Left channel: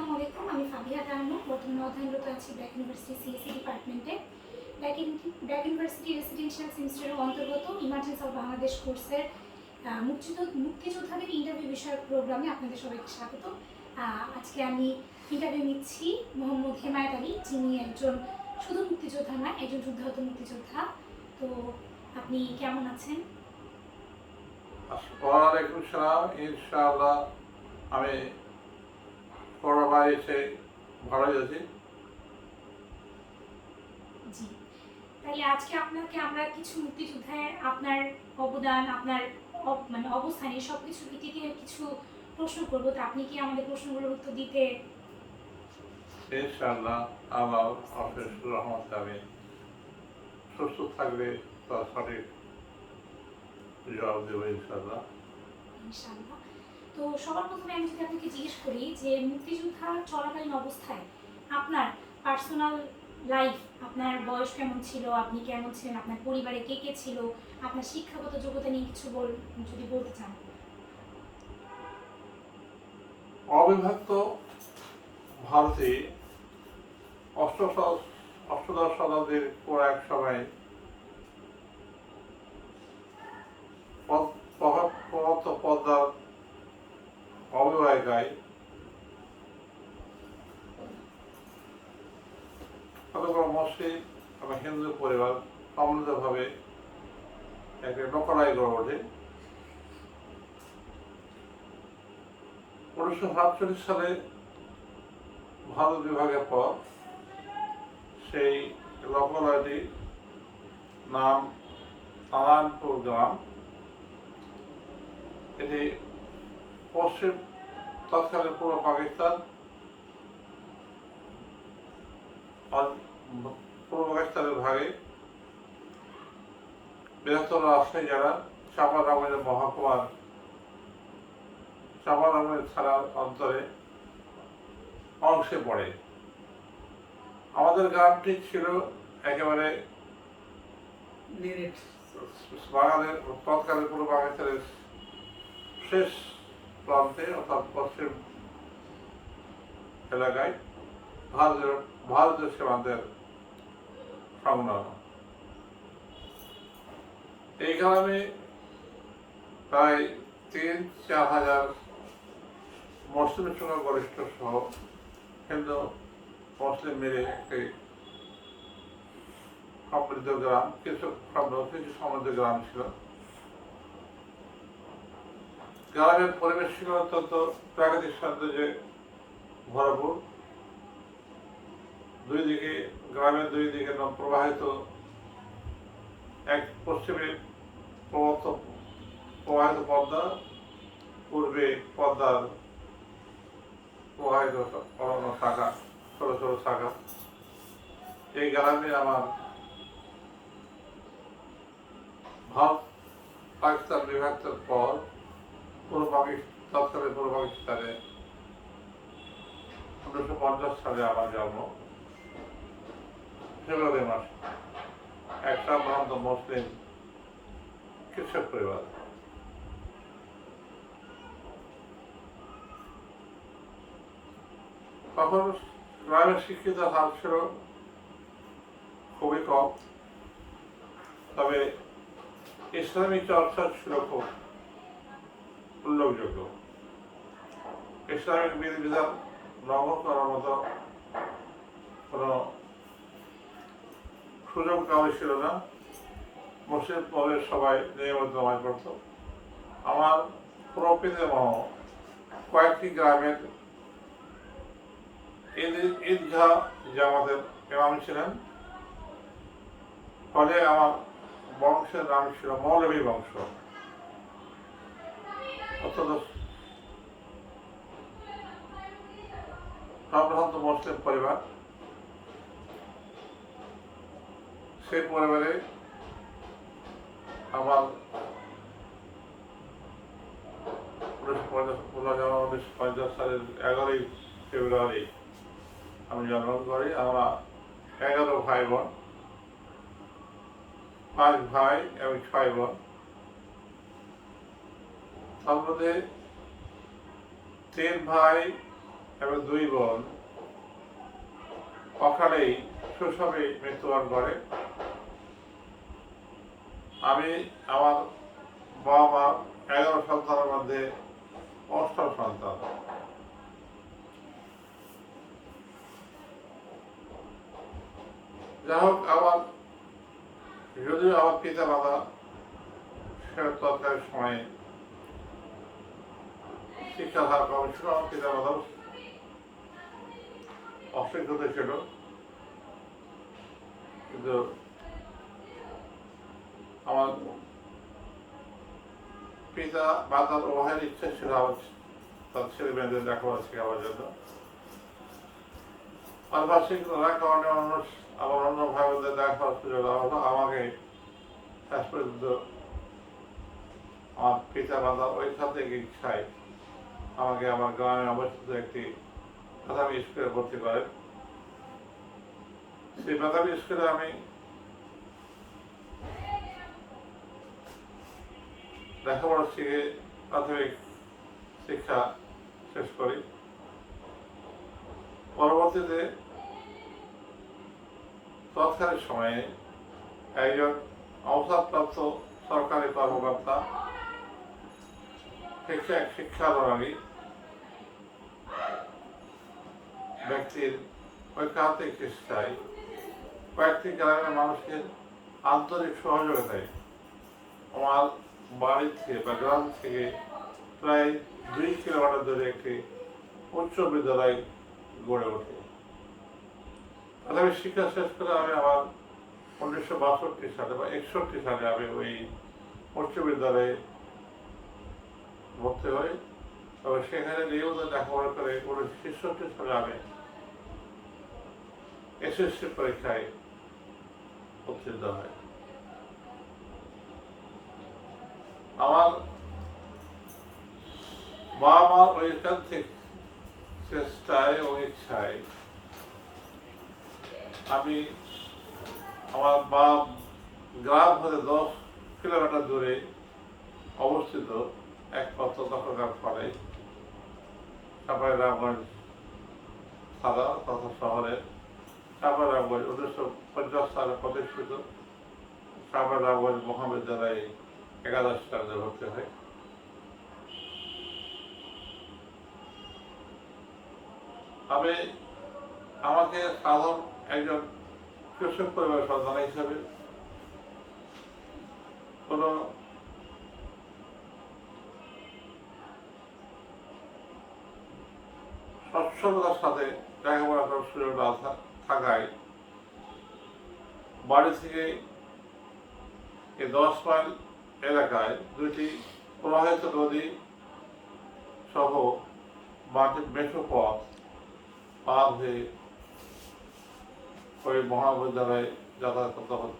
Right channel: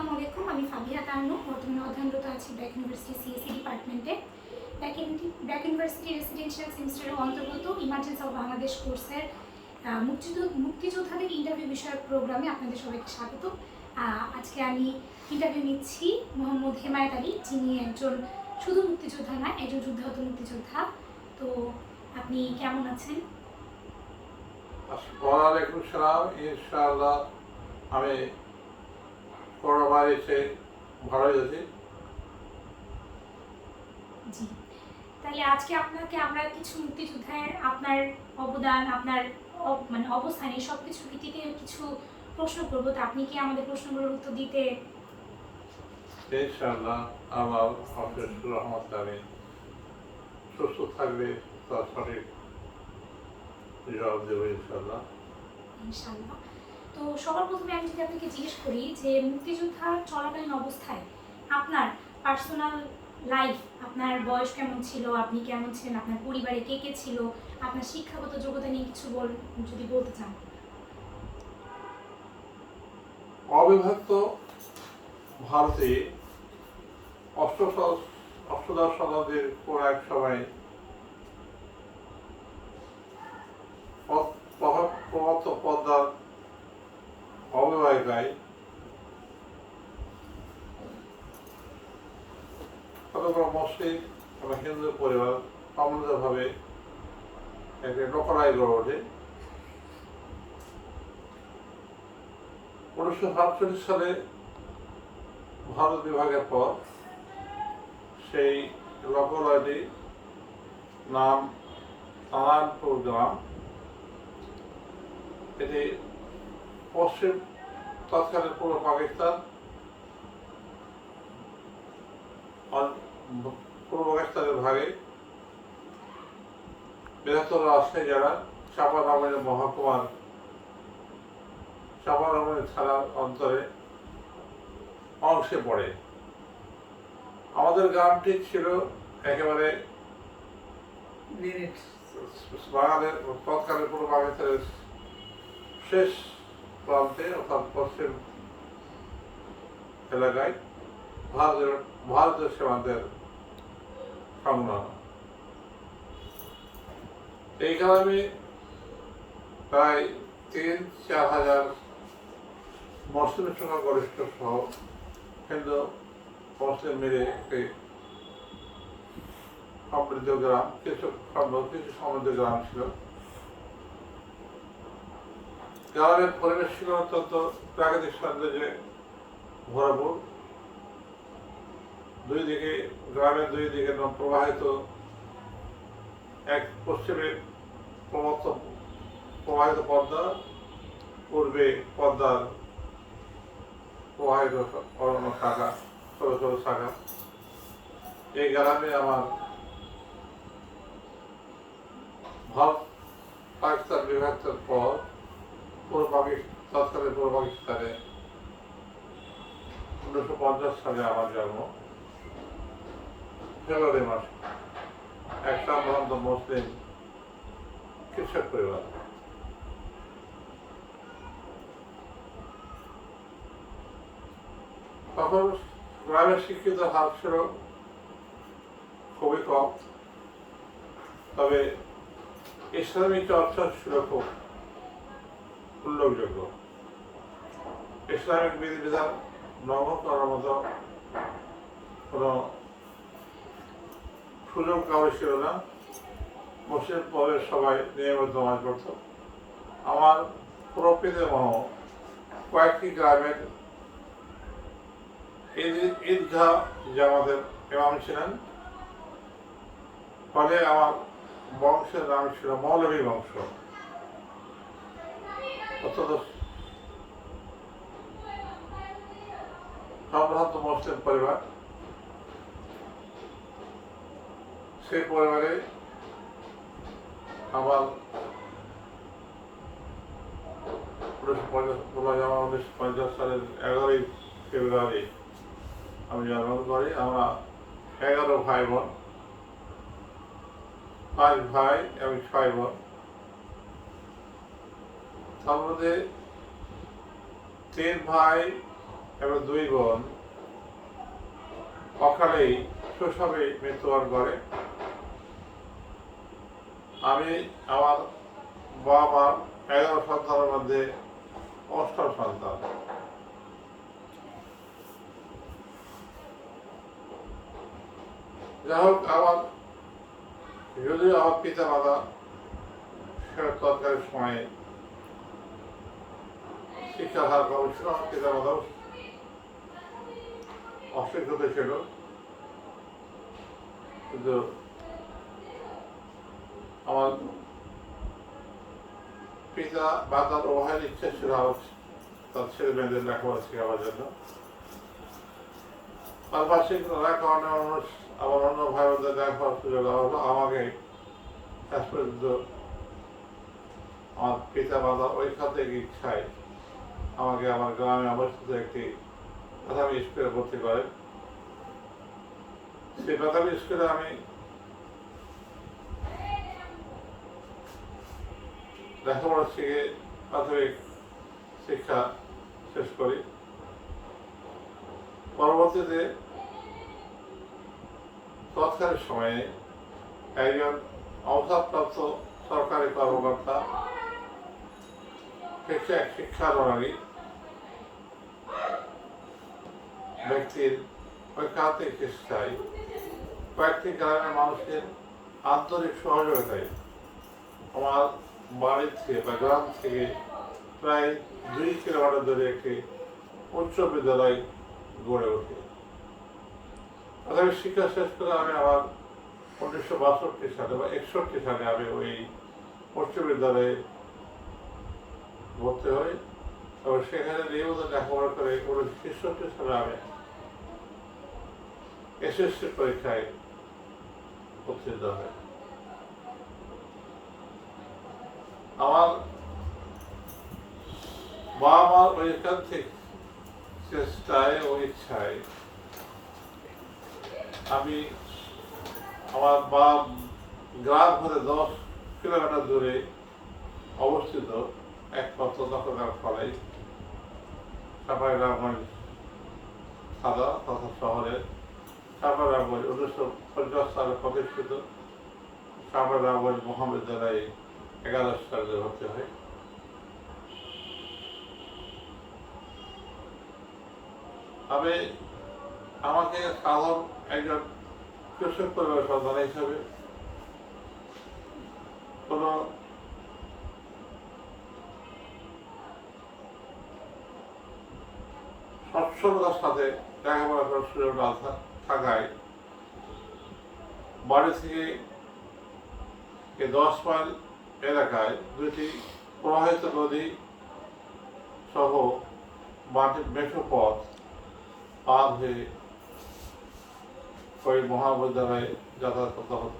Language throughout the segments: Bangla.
আসসালামু আলাইকুম। আমি ফাবিহা তান্নু, বর্তমানে অধ্যয়নরত আছি ব্র্যাক ইউনিভার্সিটি সিএসসি ডিপার্টমেন্টে। ব্র্যাক ইউনিভার্সিটি রেসিডেন্সিয়াল সেমিস্টারের অন্তর্গত ইমার্জেন্সি অফ বাংলাদেশ কোর্সের মুক্তিযোদ্ধাদের ইন্টারভিউ বিষয়ক প্রোগ্রামে আপনাদের সবাইকে স্বাগত। আজকে আমি ইন্টারভিউ নিচ্ছি মোহাম্মদ হেমায়েত আলী, যিনি একজন শুধু মুক্তিযোদ্ধা নয়, একজন যুদ্ধাহত মুক্তিযোদ্ধা। তো আপনি কেমন আছেন? ওয়ালাইকুম সালাম। ইনশাআল্লাহ আমি করোনা এসে ভালোই আছি। জি, তাহলে আজকে আপনাকে আমরা কিছু মুক্তিযুদ্ধের আপনার অবদান, আপনার মানে অবস্থান, এই সব কিছুর ভিত্তিতে কিছু প্রশ্ন করবো। তো আপনি কি আমাদের প্রশ্নগুলোর উত্তর দিতে? ইনশাআল্লাহ আমার অশেষ রহমত আমি সুস্থ থাকবে তার সঠিক জবাব দেবো ইনশাআল্লাহ। ইনশাআল্লাহ। তো সবার প্রথমে আমি যদি আপনাকে জিজ্ঞেস করি যে মুক্তিযোদ্ধা চলাকালীন অবস্থায় আপনার পার্সোনাল লাইফ, আপনার বয়স কেমন ছিল, আপনি কেমন ছিলেন, আপনার পরিবারে কে কে ছিল, আপনার শিক্ষাগত যোগ্যতা নিয়ে কিছু যদি বলতে চান। অবিভক্ত ভারতে অষ্টদশ শতাব্দীর পর এক সময় পদ্মার অববাহিকায় কতগুলো মুসলিম এবং হিন্দু পরিবার সম্মিলিতভাবে একটা লোকালয় গড়ে ওঠে। 1947 সালে ভারত বিভাগের পর সেই লোকালয়টি নাম নারায়ণপুর গ্রাম। এটি পশ্চিম তৎকালীন পূর্ব পাকিস্তান, পূর্ব পাকিস্তানের ভাগে বৃহত্তর রাজশাহী জেলা চাঁপাইনবাবগঞ্জ মহকুমার চাঁপাইনবাবগঞ্জ থানার অন্তরে অংশে পড়ে। আমাদের গ্রামটি ছিল একেবারে বাঙালির তৎকালীন পূর্ব পাকিস্তানের শেষ প্রান্তে, অর্থাৎ পশ্চিম এলাকায় ভারতীয় সীমান্তের সংলগ্ন। এই গ্রামে প্রায় 3-4 হাজার মুসলিমের সঙ্গে গরিষ্ঠ সহ হিন্দু মুসলিম মিলে একটি সমৃদ্ধ গ্রাম, কিছু সমৃদ্ধ গ্রাম ছিল। গ্রামের পরিবেশ ছিল অত্যন্ত প্রাকৃতিক সৌন্দর্যে ভরপুর। গ্রামের দুই দিকে প্রবাহিত, এক পশ্চিমে প্রবাহিত পদ্মা, পূর্বে পদ্মার প্রবাহিত অরণ্য শাখা, ছোট ছোট শাখা। এই গ্রামে আমার ভারত পাকিস্তান বিভক্তের পর তৎকালীন পূর্ব পাকিস্তানে 1950 সালে আমার জন্ম। ফেব্রুয়ারি মাসে এক সম্ভ্রান্ত মুসলিম কৃষক পরিবার। তখন গ্রামের শিক্ষিত হার ছিল খুবই কম, তবে ইসলামী চর্চা ছিল খুব উল্লেখযোগ্য। ইসলামিক বিধিবিধান লঙ্ঘন করার মতো কোনো সুযোগ কাউরি ছিল না। মুসলিম পদের সবাই নিয়মিত নামাজ পড়ত। আমার প্রকৃতিমহ কয়েকটি গ্রামের ঈদগাহ জামাতের ইমাম ছিলেন। ফলে আমার বংশের নাম ছিল মৌলভী বংশ। অত্যন্ত সম্ভ্রান্ত মুসলিম পরিবার। সেই পরিবারে আমার 1950 সালের 11ই ফেব্রুয়ারি আমি জন্মগ্রহণ করি। আমরা 11 ভাই বোন, 5 ভাই এবং 6 বোন। তার মধ্যে 3 ভাই এবং 2 বোন অকালেই শৈশবেই মৃত্যুবরণ করে। আমি আমার বাবা মার 11 সন্তানের মধ্যে 8ম সন্তান। যাই হোক, যদিও আমার পিতা মাতা সেটা তৎকালীন সময়ে শিক্ষার হার কম ছিল, আমার পিতা মাতাও অশিক্ষিত ছিল, কিন্তু আমার পিতা মাতার উভয়ের ইচ্ছা ছিল আমার তার ছেলে মেয়েদের লেখাপড়া শেখাবার জন্য। পারিপার্শ্বিক নানা কারণে আমার অন্য ভাই বোনদের লেখাপড়ার সুযোগ দেওয়া হলো। আমাকে শেষ পর্যন্ত আমার পিতা মাতা ওইখান থেকে ইচ্ছায় আমাকে আমার গ্রামে অবস্থিত একটি প্রাথমিক স্কুলে ভর্তি করেন। সেই প্রাথমিক স্কুলে আমি লেখাপড়া শিখে প্রাথমিক শিক্ষা শেষ করি। পরবর্তীতে তৎকালীন সময়ে একজন অবসরপ্রাপ্ত সরকারি কর্মকর্তা শিক্ষানুরাগী ব্যক্তির ঐকান্তিক চেষ্টায় কয়েকটি গ্রামের মানুষের আন্তরিক সহযোগিতায় আমার বাড়ি থেকে বা গ্রাম থেকে প্রায় 2 কিলোমিটার দূরে একটি উচ্চ বিদ্যালয় গড়ে ওঠে। প্রাথমিক শিক্ষা শেষ করে আমি আবার 1962 সালে বা 61 সালে আমি ওই উচ্চ বিদ্যালয়ে ভর্তি হই এবং সেখানে নিয়মিত লেখাপড়া করে 1963 সালে আমি SSC পরীক্ষায় উত্তীর্ণ হয়। আমার বাবা মার ঐকান্তিক চেষ্টায় ও ইচ্ছায় আমি আমার গ্রাম হতে 10 কিলোমিটার দূরে অবস্থিত একমাত্র দখলদার কলেজ চাঁপাইনবাবগঞ্জ থানা তথা শহরের চাঁপাইনবাবগঞ্জ 1950 সালে প্রতিষ্ঠিত চাঁপাইনবাবগঞ্জ মহাবিদ্যালয়ে 11 সালে ভর্তি হয়। আমি আমাকে সাধারণ একজন কৃষক পরিবারের সন্তান হিসাবে কোনো সচ্ছলতার সাথে লেখাপড়া করার সুযোগ না থাকায় বাড়ি থেকে 10 মাইল এলাকায় 2টি প্রবাহিত নদী সহ মাটির মেঠো পথ পার হয়ে ওই মহাবিদ্যালয়ে যাতায়াত করতে হতো।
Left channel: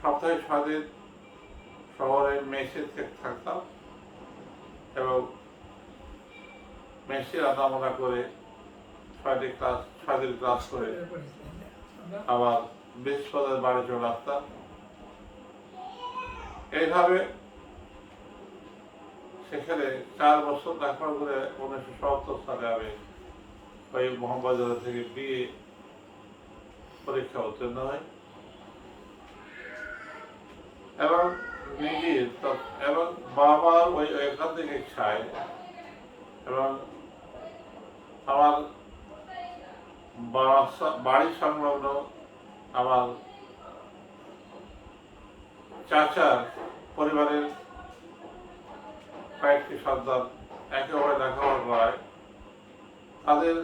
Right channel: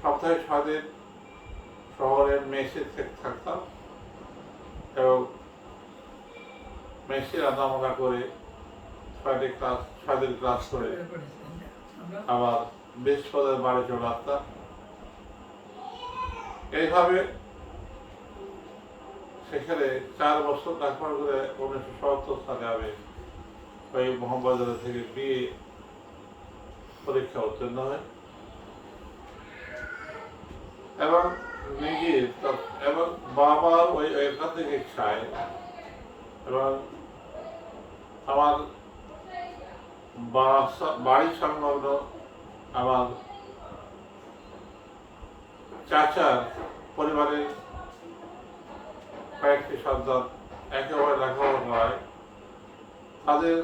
সপ্তাহে 6 দিন শহরের মেসে থাকতাম এবং মেসে রান্নাবান্না করে 6 দিন ক্লাস করে আবার বৃহস্পতিবার বাড়ি চলে আসতাম। এইভাবে সেখানে 4 বছর লেখাপড়া করে 1977 সালে আমি ওই মহাবিদ্যালয় থেকে BA পরীক্ষা উত্তীর্ণ হয় এবং এবং বাবার ওই একাধিক ইচ্ছায় এবং আমার বাড়ি সংলগ্ন আমার চাচার পরিবারের কয়েকটি সন্তান একেবারে লেখাপড়া করায় তাদের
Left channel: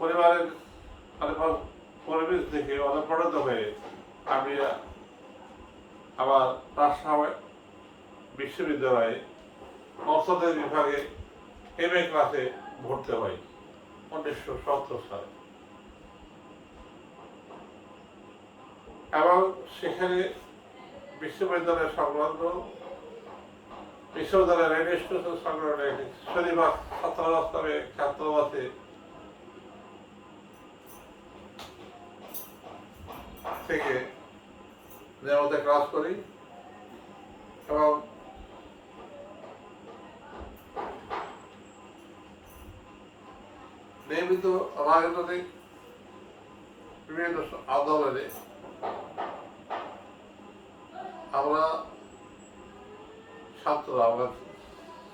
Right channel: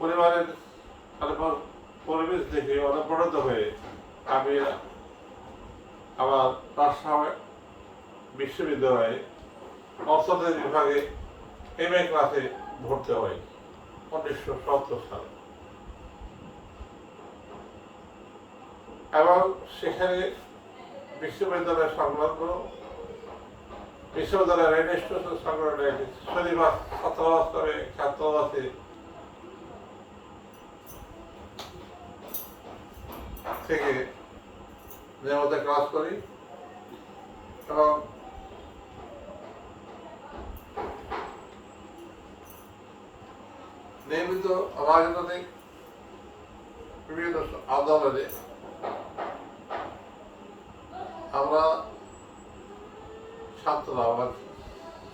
পরিবারের পরিবেশ দেখে অনুপ্রাণিত হয়ে আমি আমার রাজশাহী বিশ্ববিদ্যালয়ে অর্থনীতি বিভাগে MA ক্লাসে ভর্তি হই 1970 সালে এবং সেখানে বিশ্ববিদ্যালয়ের সংলগ্ন বিশ্ববিদ্যালয়ের রেল স্টেশন সংলগ্ন একটি শনিবার ছাত্রাবাসে থেকে নিয়মিত ক্লাস করি এবং নিয়মিত রাজনৈতিক বিভিন্ন আন্দোলনে আমরা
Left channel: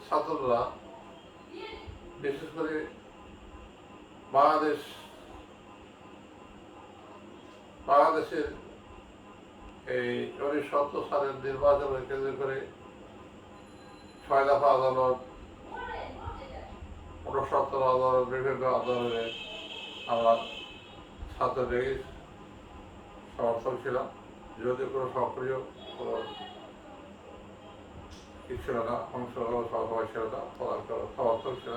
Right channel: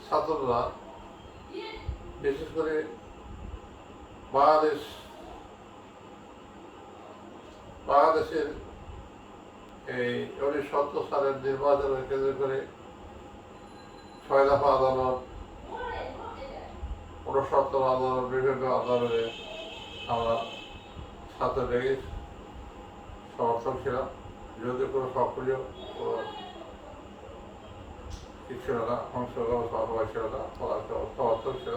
ছাত্ররা বিশেষ করে বাংলাদেশের এই 1970 সালের নির্বাচনের কেন্দ্র করে 6 দফা আদালত, 69 আদালত, বিভিন্ন আদালতে আমরা ছাত্রদের সমর্থন ছিলাম, যদিও কোনো সক্রিয় কি ছিল না, অংশগ্রহণ সভা ছিল না, সমর্থন ছিল।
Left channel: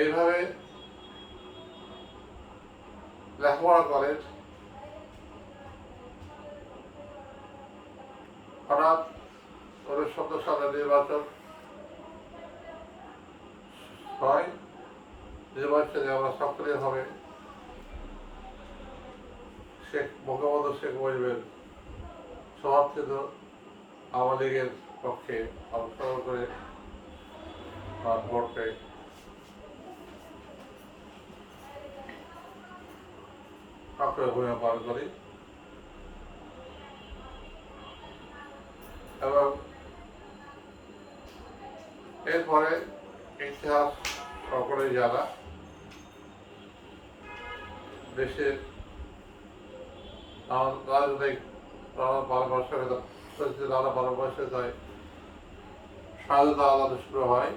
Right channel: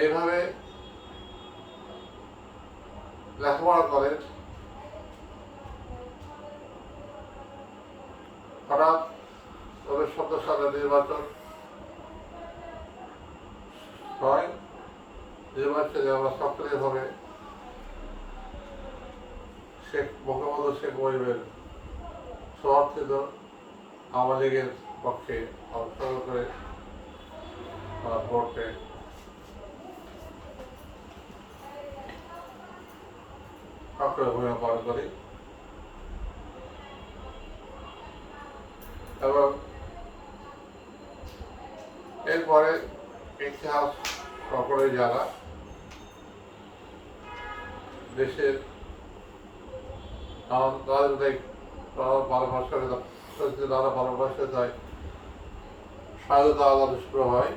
এইভাবে লেখাপড়া করেন। হঠাৎ 1970 সালের নির্বাচন হয়। নির্বাচনে আমরা সক্রিয়ভাবে বঙ্গবন্ধু শেখ মুজিবের সমর্থিত আওয়ামী লীগের পক্ষে অংশগ্রহণ করে ভোট পেয়ে সক্রিয় ভূমিকা পালন করি এবং এরপরে ইতিহাস সকলেই জানা, দেশের রাজনৈতিক পরিস্থিতি স্বাধীনতা আন্দোলন শুরু হয়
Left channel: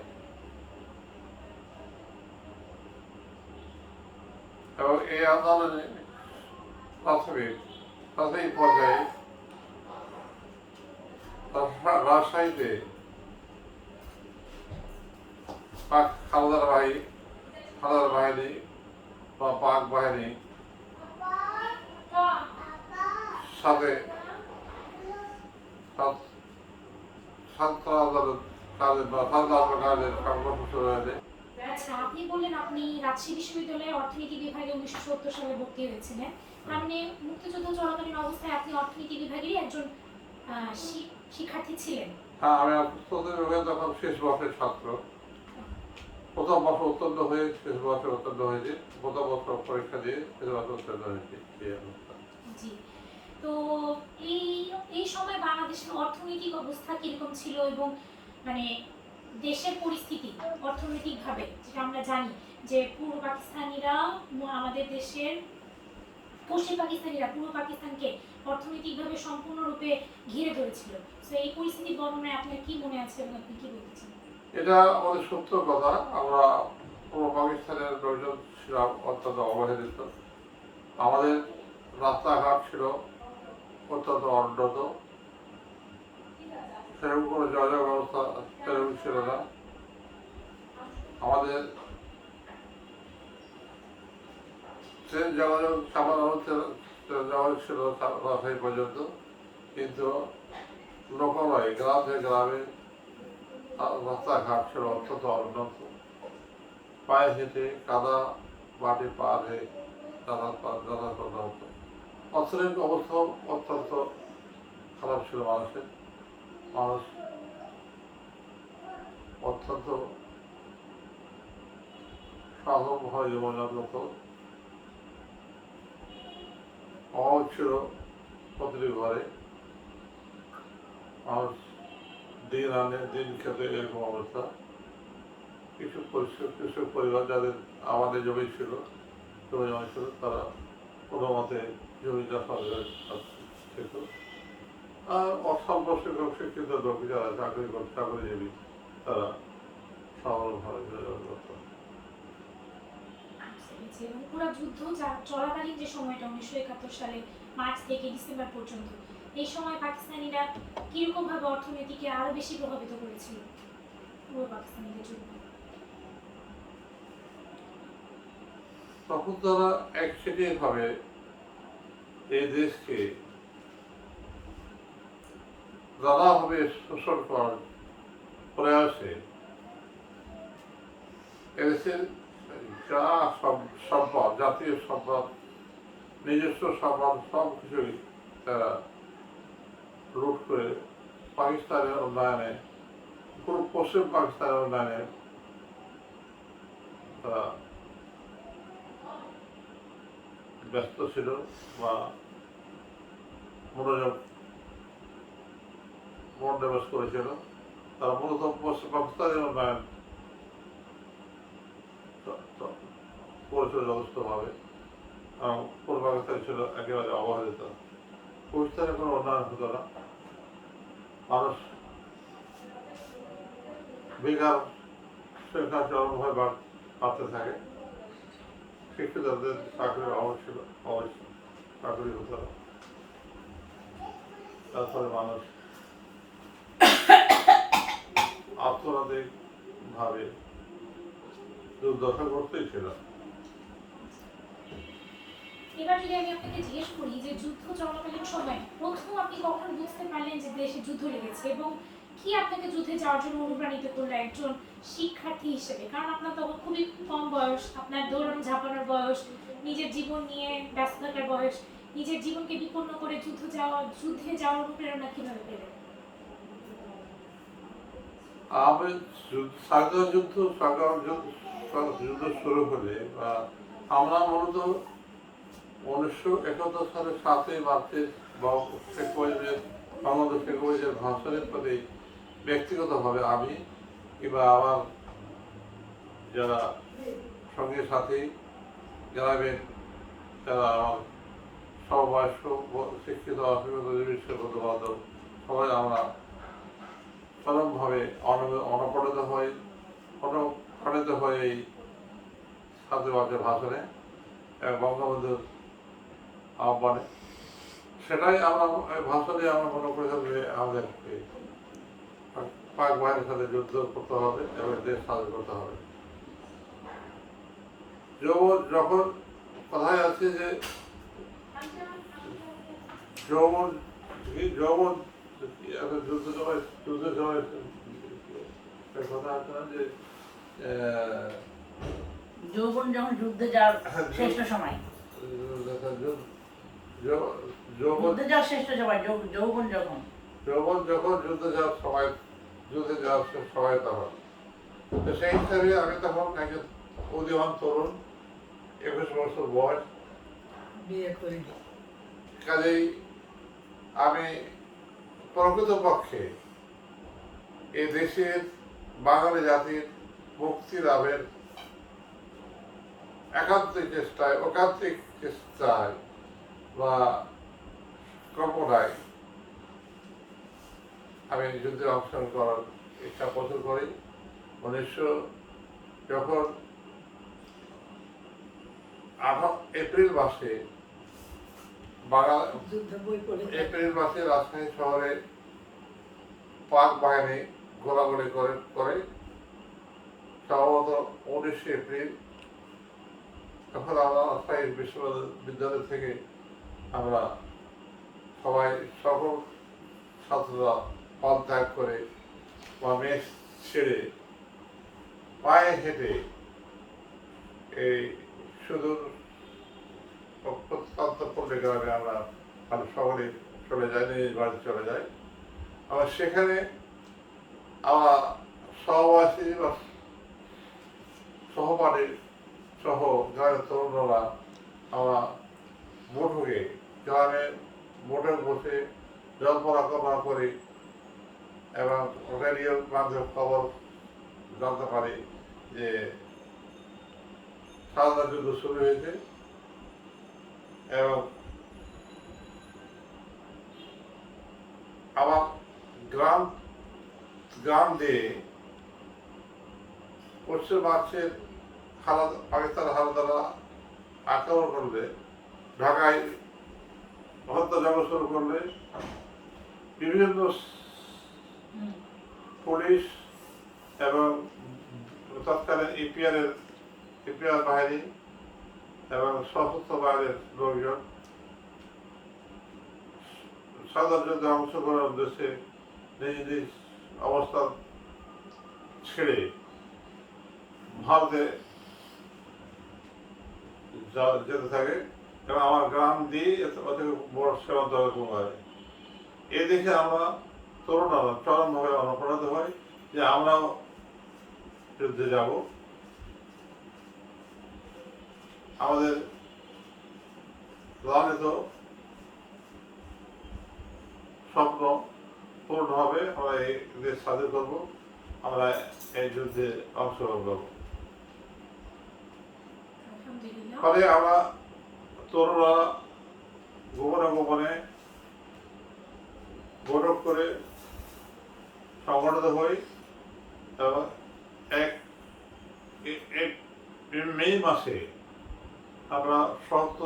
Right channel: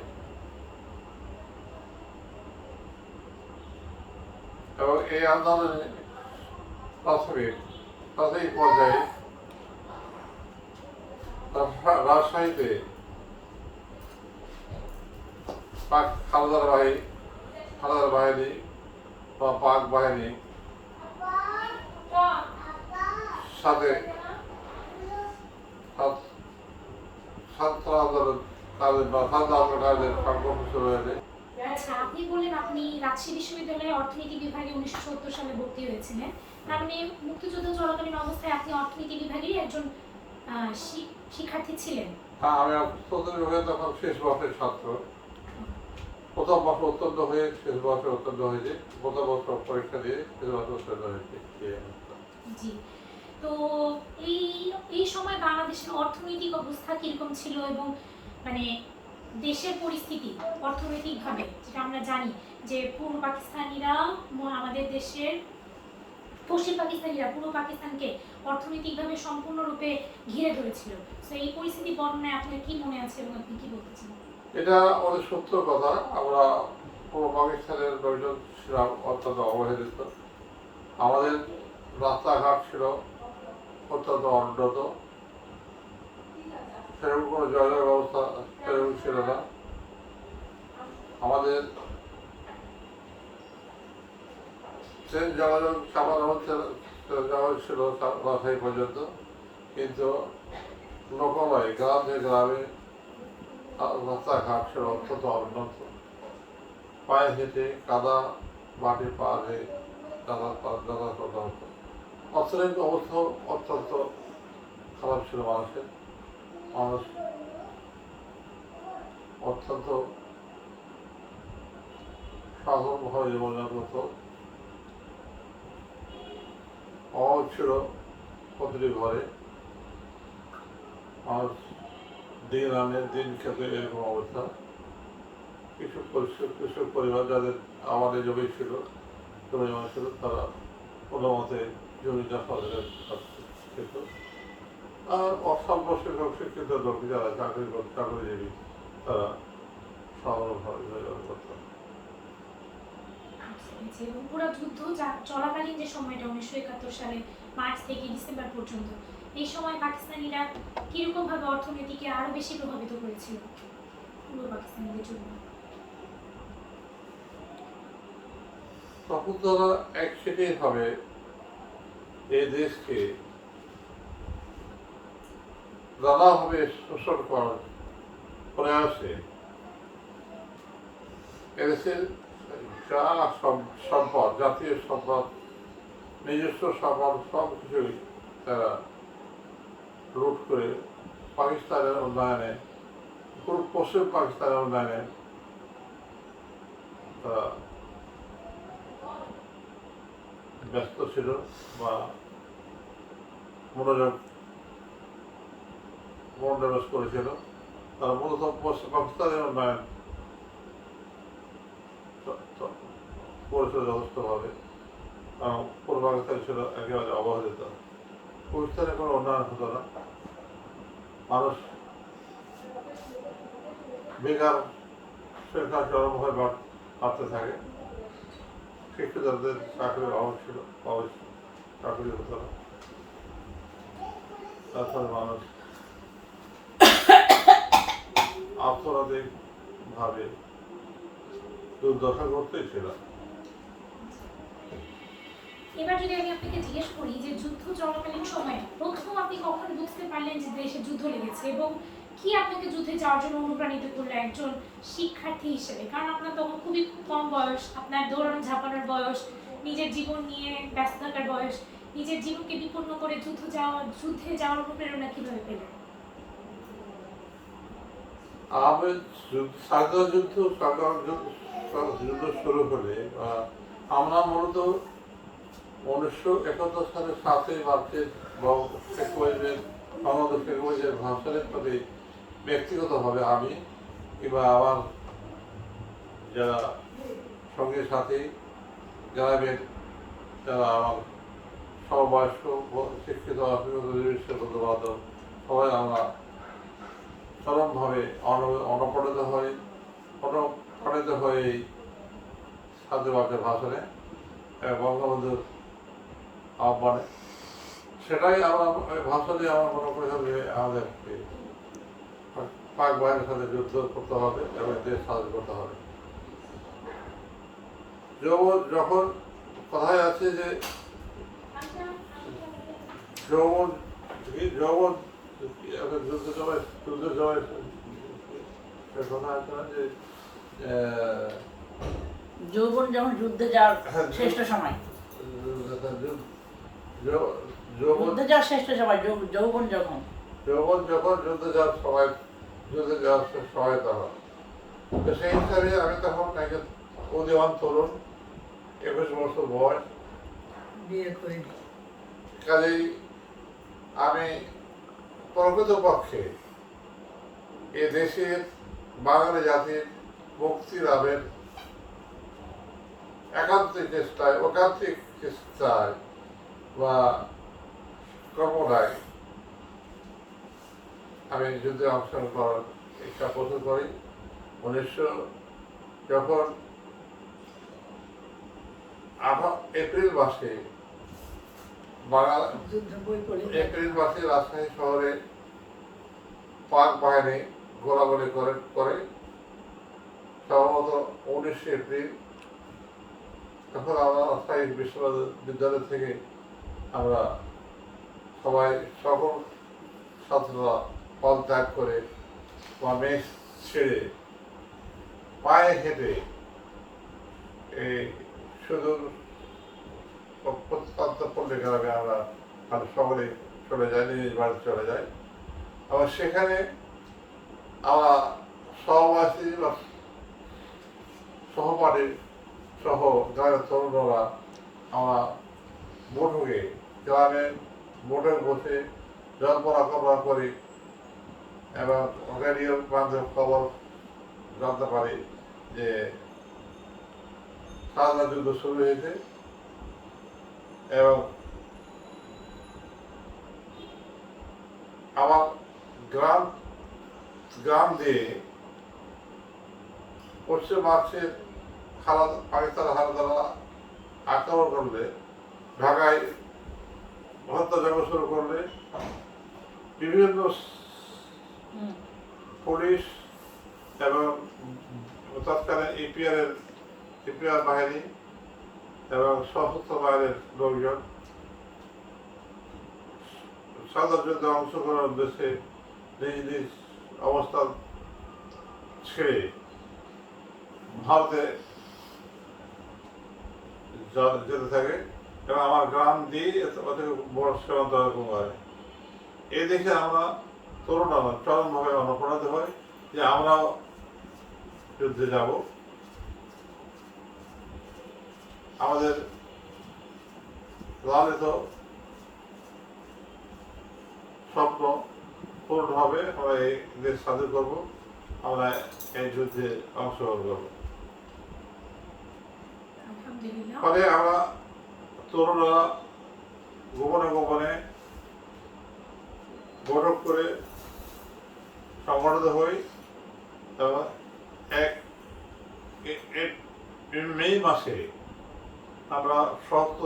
এবং এই আন্দোলনে প্রাথমিক পর্যায়ে রাজশাহীতে পাক হানাদার বাহিনী বা পাক বাহিনী সাথে ছাত্র আন্দোলনকারীদের সংঘর্ষ শুরু হয়েছে। আচ্ছা, আপনি বললেন আপনি রাজশাহী বিশ্ববিদ্যালয়ে অর্থনীতি বিভাগে 1970 সালে ভর্তি হয়েছিলেন। তার মানে মুক্তিযুদ্ধ চলাকালীন অবস্থায় আপনি অর্থনীতি বিভাগেরই একজন শিক্ষার্থী ছিলেন? হ্যাঁ, আমি অর্থনীতি বিভাগে তখন শেষ বর্ষের ছাত্র। প্রথম বর্ষ উত্তীর্ণ হয়ে শেষ বর্ষে উত্তীর্ণ হয়েছে, প্রথম বর্ষ পরীক্ষা দিয়ে শেষ বর্ষে উত্তীর্ণ হয়েছে। জি, তো এই সময় বাংলাদেশের অর্থনৈতিক অবস্থা কিরকম ছিল এবং মানে দেশের পরিস্থিতি অর্থনৈতিকভাবে, যেটা আমরা জানি যে পূর্ব পাকিস্তানিরা আমাদের দেশের পশ্চিম পাকিস্তানিরা পূর্ব পাকিস্তানকে অর্থনৈতিকভাবে সম্পূর্ণরূপে ঘিরে ধরেছিল। তো এই পরিস্থিতি বর্ণনায় আপনার কি মনে আছে এবং আপনি কি বলতে চান? এটা অনেক সত্য কথা। আমরা পূর্ব পাকিস্তানের লোকজন ছিলাম অত্যন্ত অবহেলিত। আমাদের রাস্তাঘাট ছিল অত্যন্ত অনুন্নত, সেরকম কোনো যোগাযোগ ব্যবস্থা সেরকম ছিল না। আমাদের ট্রেন যোগাযোগ ছিল রাজশাহী পর্যন্ত, কিন্তু লোকালয়ে গ্রাম থেকে গ্রামে রাস্তাঘাট ছিল অত্যন্ত অনুন্নত। পায়ে হেঁটে কাদা মাটি পা দিয়ে যাতায়াত করতে হতো। অর্থনৈতিক অবস্থাও অত্যন্ত খারাপ ছিল মানুষ অত্যন্ত সাধারণভাবে জীবনযাপন করত। অভাব ছিল প্রতিটি ঘরে, মানুষ দিন আনে দিন খেতে, এরকম অবস্থা। কিছু পরিবার যাদের আমাদের জমি ছিল তারা কোনো মতে জমি চাষাবাদের খেত। আর অসম্ভব শিক্ষিত লোক যারা চাকরিজীবী তারা সাধারণভাবে যোগাযোগ করত। এবং পুরো যুদ্ধ চলাকালীন যে সময়টা 1971 সালে মার্চ থেকে ডিসেম্বর পর্যন্ত, এই সময় পাকিস্তানিরা কিরকম ভাবে অর্থনীতিকে আরো বেশি প্রভাবিত করেছিল পূর্ব পাকিস্তানিদের জন্য? তখন তারা একসাথে ভাবে এই দেশকে নানাভাবে শোষণ করার প্রয়াসে এদেশের যা সম্পদ, জাতীয় সম্পদ, নিজস্ব সম্পদ সব কিছুই তারা লুট করে পাকিস্তানের উন্নয়নে, পশ্চিম পাকিস্তানের উন্নয়নে তারা ব্যস্ত ছিল বা মনোনিবেশ করেছিল। তারা মূলত পাকিস্তানি উন্নয়ন করেছিল যথেষ্টভাবে। পূর্ব পাকিস্তান ছিল একেবারে অবহেলিত। পাকিস্তানে কোনো উন্নয়ন হতো না, মানুষ বেকার সংখ্যা চরমভাবে বাড়তে থাকে। শিক্ষিতদের চাকরির অভাব ছিল, চাকরি হতো না। তারপরে মানুষ অর্থনৈতিকভাবে দুর্দশা করতেই ছিল। এবার যদি আমি আপনাকে জিজ্ঞেস করি যে যুদ্ধ চলাকালীন সময়ে প্রথম আপনি কখন বুঝতে পারলেন যে দেশে যুদ্ধ লেগেছে, এবং কি আপনাকে যুদ্ধে যাওয়ার জন্য অনুপ্রাণিত করলো একজন শিক্ষার্থী হিসেবে? কারণ আপনার তখন খুবই কম বয়স, আপনার দৌড়ানো ঝাঁপানোর বয়স, নিজের জীবন নিয়ে ব্যস্ত থাকার বয়স। নিজের জীবনকে বিপন্ন করে যুদ্ধে যাওয়ার অনুপ্রেরণা কিভাবে পেলেন? আমি যুদ্ধ শুরু হলে আমরা মূলত 1971 সালের 7ই মার্চের শেখ মুজিবের সম্বন্ধে শেখ মুজিবের ভাষণের প্রতি ব্যক্তিগতভাবে আমি কিংবা আমার যারা সঙ্গী সাথী গ্রামের যারা আমার সমবয়স্ক শিক্ষিত অশিক্ষিত নির্বিশেষে বন্ধু বান্ধব সবাই আমরা চরমভাবে অনুপ্রাণিত হয়ে এই 7ই মার্চের ভাষণে এবং বঙ্গবন্ধুর আহ্বানে, সেটাই আমরা ভাষণে আমরা মনে করেছিলাম যে আমাদের পাক বাহিনীর সাথে যুদ্ধ করতে হবে এবং দেশ স্বাধীন করতে হবে। যখন কথায় আছে যে যুদ্ধের সময় কথা আছে না যে যৌবন যখন যুদ্ধে যাওয়ার শ্রেষ্ঠ সময়, যুদ্ধে যাওয়ার শ্রেষ্ঠ সময় যৌবন যখন যুদ্ধে যাওয়ার সময় তখন। তো সেই হিসাবে আমি তখন একজন উদীয়মান তরুণ, 21 বছর বয়স, বিয়ে করিনি। কাজেই আমি প্রকৃতপক্ষে এ দেশের বাঙালি জাতির মুক্তি লাভের একান্তিক চেষ্টায় বা কল্পনায় আমি যুদ্ধে অংশগ্রহণ করার ইচ্ছা প্রচুর করি। যখন এপ্রিল মাসে রাজশাহী শহরে পাক বাহিনী গোলাগুলি করে সম্ভবত 19 এপ্রিল, তখন আমরা রাজশাহী বিশ্ববিদ্যালয় থেকে আমরা সবাই সকল ছাত্ররা হল ত্যাগ করে বা মেস ছেড়ে পায়ে হেঁটে এই সুদূর প্রত্যন্ত পল্লী গ্রামে আমরা সকলে চলে যাই, নিজ বাড়িতে চলে যাই। আবার সেখানে আমরা সহবাসী বা সহপাঠী সহ গ্রামের তরুণরা আমরা গ্রামে বসে জল্পনা কল্পনা করি এবং রেডিওর মাধ্যমে খবর জানতে পারি যে স্বাধীনতা যুদ্ধ শুরু হয়েছে এবং আমার গ্রাম দিয়ে পশ্চিম মার্চের পাকিস্তান হানাদাররা আক্রমণ করলে, ঢাকায় হত্যাযজ্ঞ শুরু করলে, বিভিন্ন পুলিশ এবং তৎকালীন ইপিআর বাহিনী এবং সশস্ত্র বাহিনীর লোকজন স্বাধীনতা যুদ্ধে অংশগ্রহণের উদ্দেশ্যে নিজ নিজ অবস্থান ছেড়ে ভারতে যেতে থাকে এবং আমার গ্রাম দিয়ে বড় সীমান্ত হয়। এই দেখে আমরা তরুণরা চরমভাবে অনুপ্রাণিত হই যে আমরাও যুদ্ধে যাব আমাদের লালিত স্বপ্ন পূর্ণ হবে, আমরা এই দেশ স্বাধীন করবো, আমরা এই যুদ্ধে অংশগ্রহণ করবো। আলহামদুলিল্লাহ। ফলে আমরা তরুণরা গোপনে গোপনে বৈঠক করে সংগঠিত হই এবং মে মাসে আমরা সমস্ত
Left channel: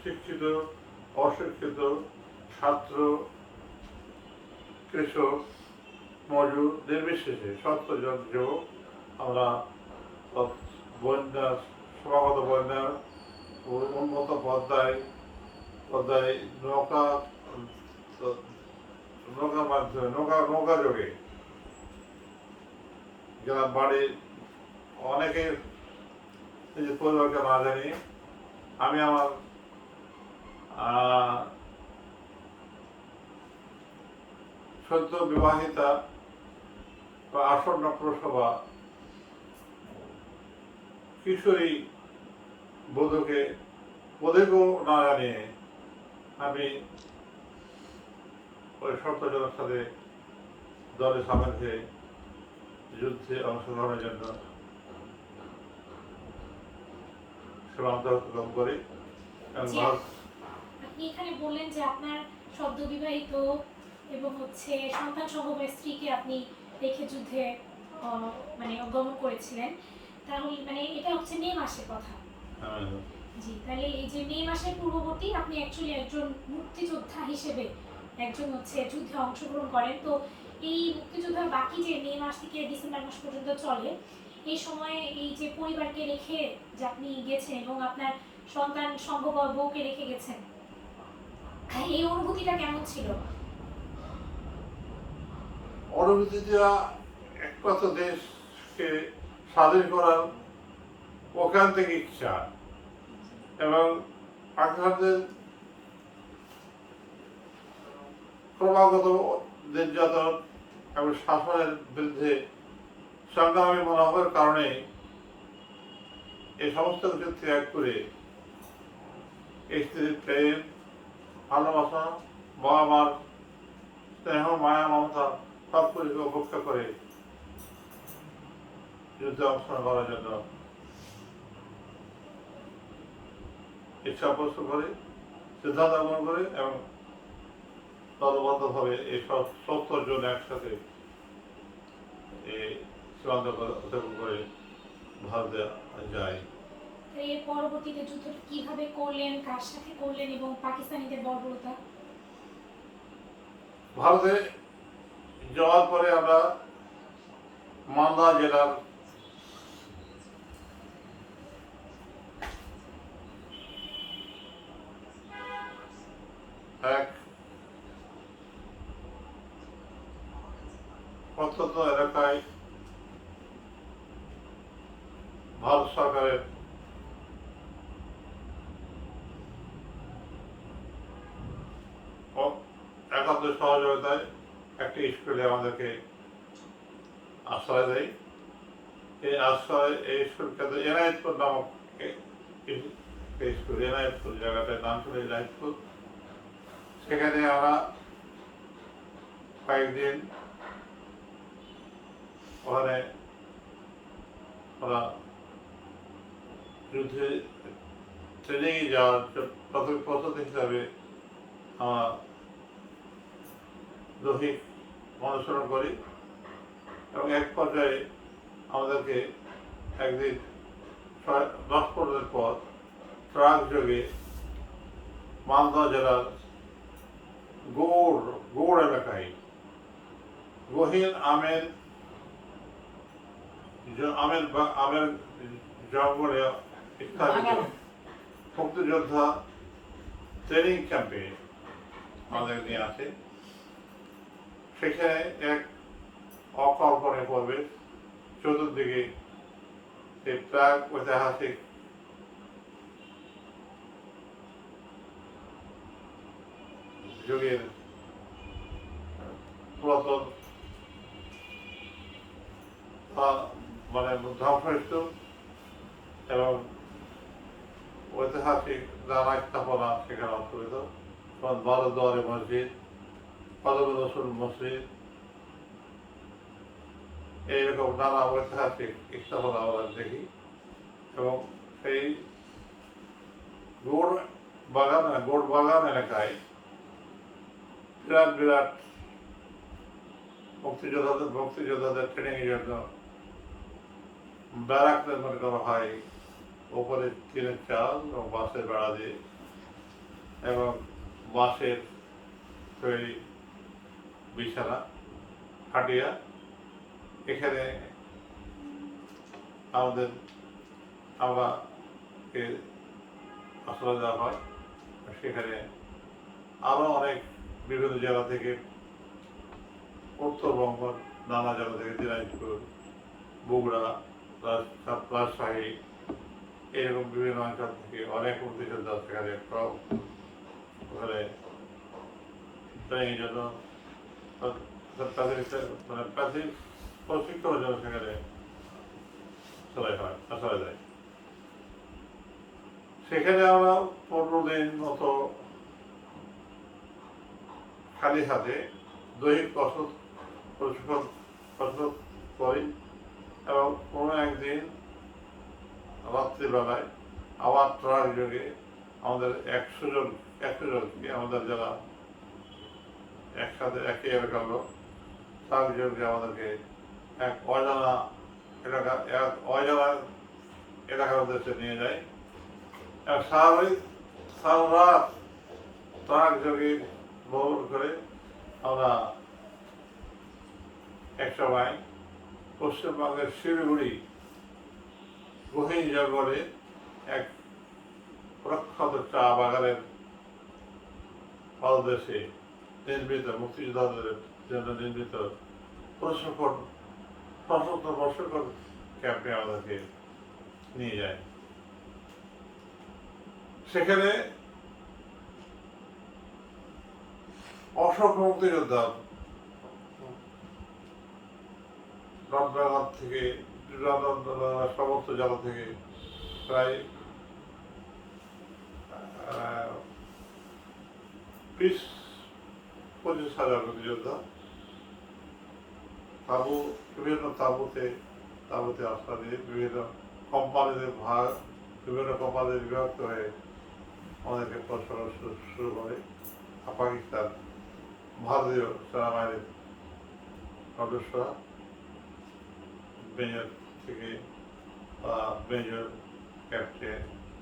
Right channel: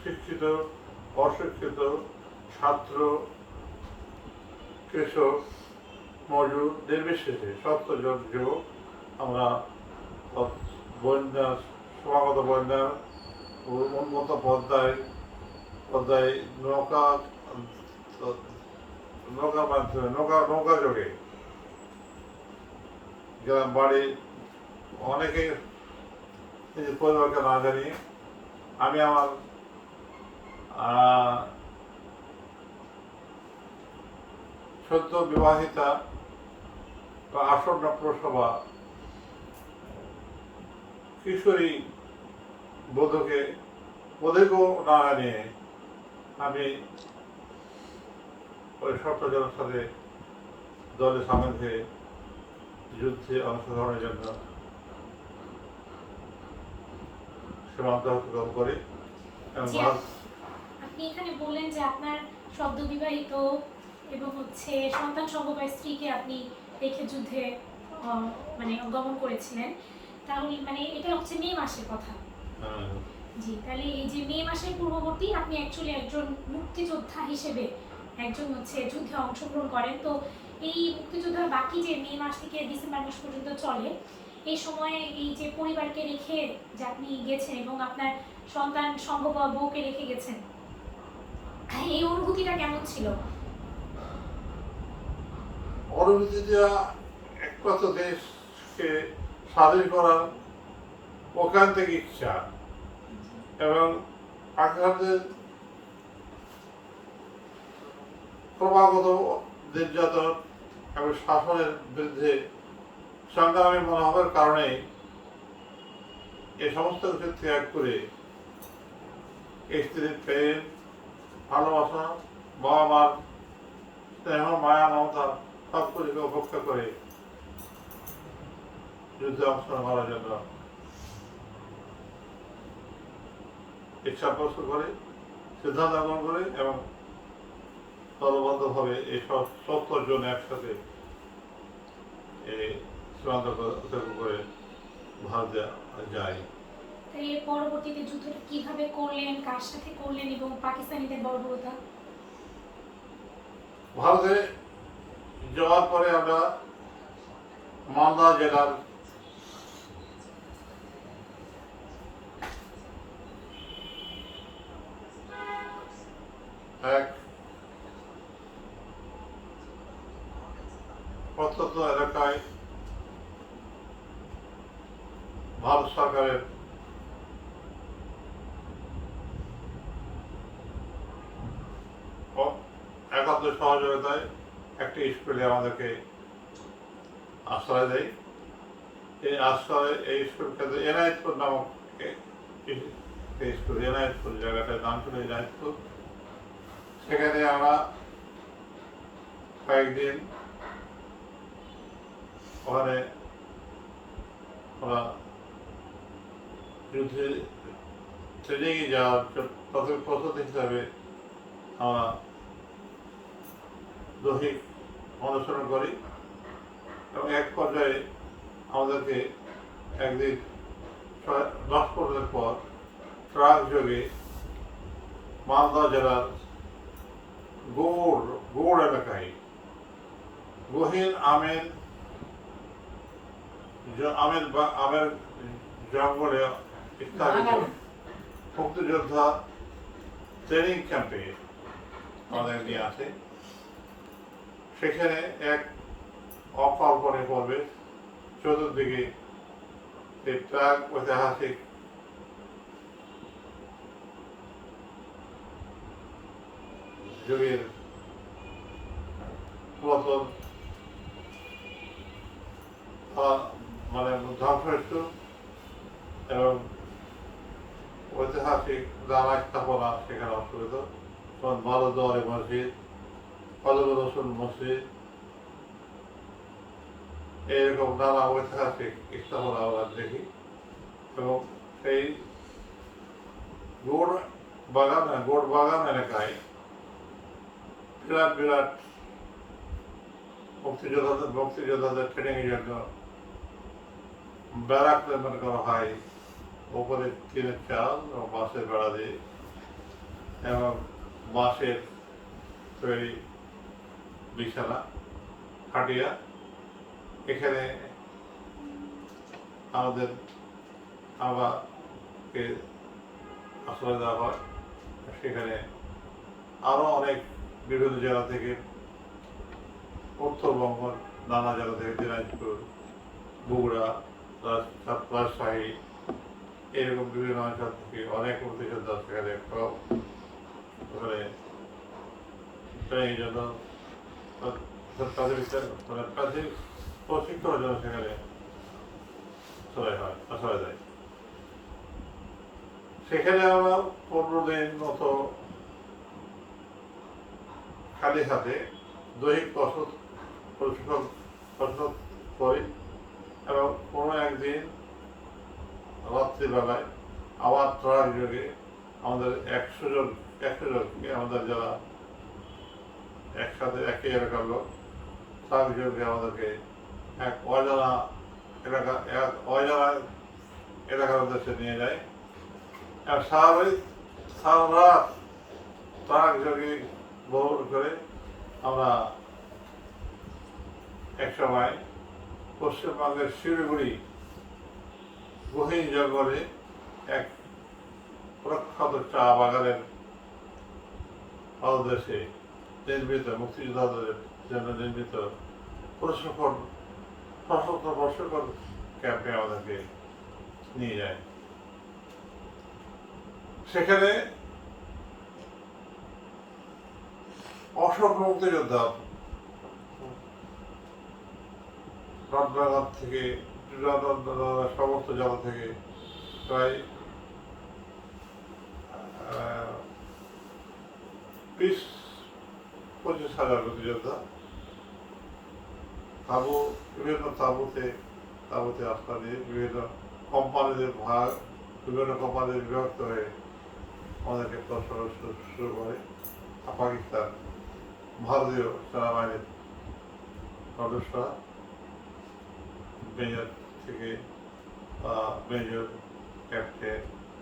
শিক্ষিত অশিক্ষিত ছাত্র কৃষক মজুর নির্বিশেষে সমস্ত যুবক আমরা বন্যার সমাগত বন্যার উন্নত পদ্মায় নৌকার মাধ্যমে নৌকা যোগে গ্রাম বাড়ি অনেকে নিজের পরিবারকে না জানিয়ে আমি আমার সদ্য বিবাহিতা বা আসন্ন প্রসবা কিশোরী বধূকেও না জানিয়ে আমি ওই শর্তজনের সাথে দলে সামিল হয়ে যুদ্ধে অংশগ্রহণের জন্য সীমান্ত অতিক্রম করি এবং জি, আপনি এখানে বললেন যে আপনার সদ্য বিবাহিত এবং সন্তান সম্ভবা স্ত্রীকে আপনি রেখে যুদ্ধে মানে গমন করেছিলেন, তাহলে মানে এটা হচ্ছে মে মাসের কথা। জি, তাহলে এই যে মে মাসের পূর্ববর্তী আপনি অ্যাকচুয়ালি একজন মুক্তিযোদ্ধা হিসেবে একজন যুদ্ধে অংশগ্রহণ করেন। তো এই মুক্তিযোদ্ধার বাকি যে মে মাস থেকে ডিসেম্বর মাস পর্যন্ত চলে, এই সময়ে এই যে পরিবারকে রেখে যে আপনি গেছেন এবং আপনার সন্তান সম্ভবা বউকে রেখে গেছেন, এই অনুভূতিটা কেমন ছিল? অনুভূতিটা একমাত্র দেশকে স্বাধীন করার ওখান থেকে ইচ্ছা এবং পাকিস্তানের ক্রমাগত নির্যাতন এবং শাসনের বিরুদ্ধে সংগ্রামী মনোভাবের কারণে এই সমস্ত কিছু ত্যাগ করে স্ত্রীর প্রেম ভালোবাসা বাবা মার স্নেহ মায়া মমতা সব কিছুকে উপেক্ষা করে যুদ্ধে অংশগ্রহণ করার জন্য ইচ্ছা পোষণ করে সিদ্ধান্ত গ্রহণ করে এবং দলবদ্ধভাবে এই 70 জন একসাথে এই সীমান্ত অতিক্রম করে ভারতে যায়। এর পরবর্তীতে যুদ্ধটা কিভাবে করলেন, কার সাথে করলেন এবং পাকিস্তানিদের বর্বরতা? ভারতে যাওয়ার পরে আমরা মালদা জেলার এক প্রত্যন্ত এলাকায় ভারত সরকারের একান্ত সহযোগিতায় একটি স্কুলে আমাদেরকে আশ্রয় দেয়। এই স্কুল কেন্দ্র এনায়েতপুর নামক স্কুল, এনায়েতপুর জায়গাটার নাম ছিল এনায়েতপুর। সেখানে আমরা কয়েকদিন ওখানে ওরা যুদ্ধে ট্রেনিংয়ে যাওয়ার প্রাথমিক প্রস্তুতি হিসাবে আমরা দৈহিক অনুসরণ করি এবং এক পর্যায়ে আমাদেরকে একদিন 10-15 দিন পর ট্রাক যোগে মালদা জেলার গৌড় এলাকায় গহীন আমের জঙ্গলে স্থাপিত মুক্তিযোদ্ধা ট্রেনিং ক্যাম্পে আমাদের নিয়ে আসে। সেখানে এক অকল্পনীয় পরিবেশ, চতুর্দিকে এই প্রাক ঐতিহাসিক যুগের পুরাতন মানে ধ্বংসস্তূপ এবং ঐতিহাসিক নানা স্থাপনা সেখানে অবস্থিত, যেমন বারোদুয়ারি মসজিদ, কদম রসুল মসজিদ, এইরকম নানা ঐতিহাসিক স্থাপনা আমরা দেখি। এবং সেই গোড় বাগান এলাকায় বিরাট বিরাট মুক্তিযোদ্ধাদের ট্রেনিংয়ের জন্য ব্যারাক নির্মাণ করা হয়, উপরে টিনের চাল এবং বাঁশের বেড়া দিয়ে, এবং বাঁশের তৈরি বিছানা খাটিয়া। এখানে আমাকে আশ্রয় দেওয়া হয়। সেখানে আরও অনেক বিভিন্ন জেলা থেকে, উত্তরবঙ্গ নানা জেলা থেকে, দিনাজপুর, বগুড়া, রাজশাহী, এরকম বিভিন্ন অঞ্চল থেকে অনেক মুক্তিযোদ্ধা সেখানে ওখানে ট্রেনিংয়ের জন্য প্রাথমিক প্রশিক্ষণের জন্য সেখানে আশ্রয় দেয়। সেখানে আমরা 15 দিন মতো খালি হাতে দৈহিক প্রশিক্ষণ করি, এবং কোনো একদিন রাত্রিবেলায় আবার ট্রাক যোগে আমাদের 100 জনকে, আমাদের যারা একসাথে একই এলাকার লোক, ট্রাক যোগে আমাদেরকে এক অজানা এলাকার উদ্দেশ্যে নিয়ে যায়। আর সারা রাত ট্রাক যোগে ভ্রমণ করে আমরা একসময় পশ্চিমবঙ্গের শিলিগুড়ি গহীন জঙ্গলে এক প্রখ্যাত চা বাগানের পাদদেশে নির্মিত, মুক্তিযোদ্ধাদের জন্য নির্মিত সশস্ত্র প্রশিক্ষণ ক্যাম্পে আমাদেরকে নিয়ে যায়। সেখানে অসংখ্য মুক্তিযোদ্ধা রামনগর থেকে সমস্ত জেলা থেকে প্রায় 20-25 হাজার মুক্তিযোদ্ধা বিভিন্ন তাঁবুতে আশ্রয় দিয়ে বিভিন্ন কোম্পানিতে বিভক্ত হয়ে আমাদেরকে প্রচারণ শুরু করে। পাকিস্তান, ভারতীয় সেনাবাহিনীর সদস্যরা মেজর থেকে মেজর, ক্যাপ্টেন,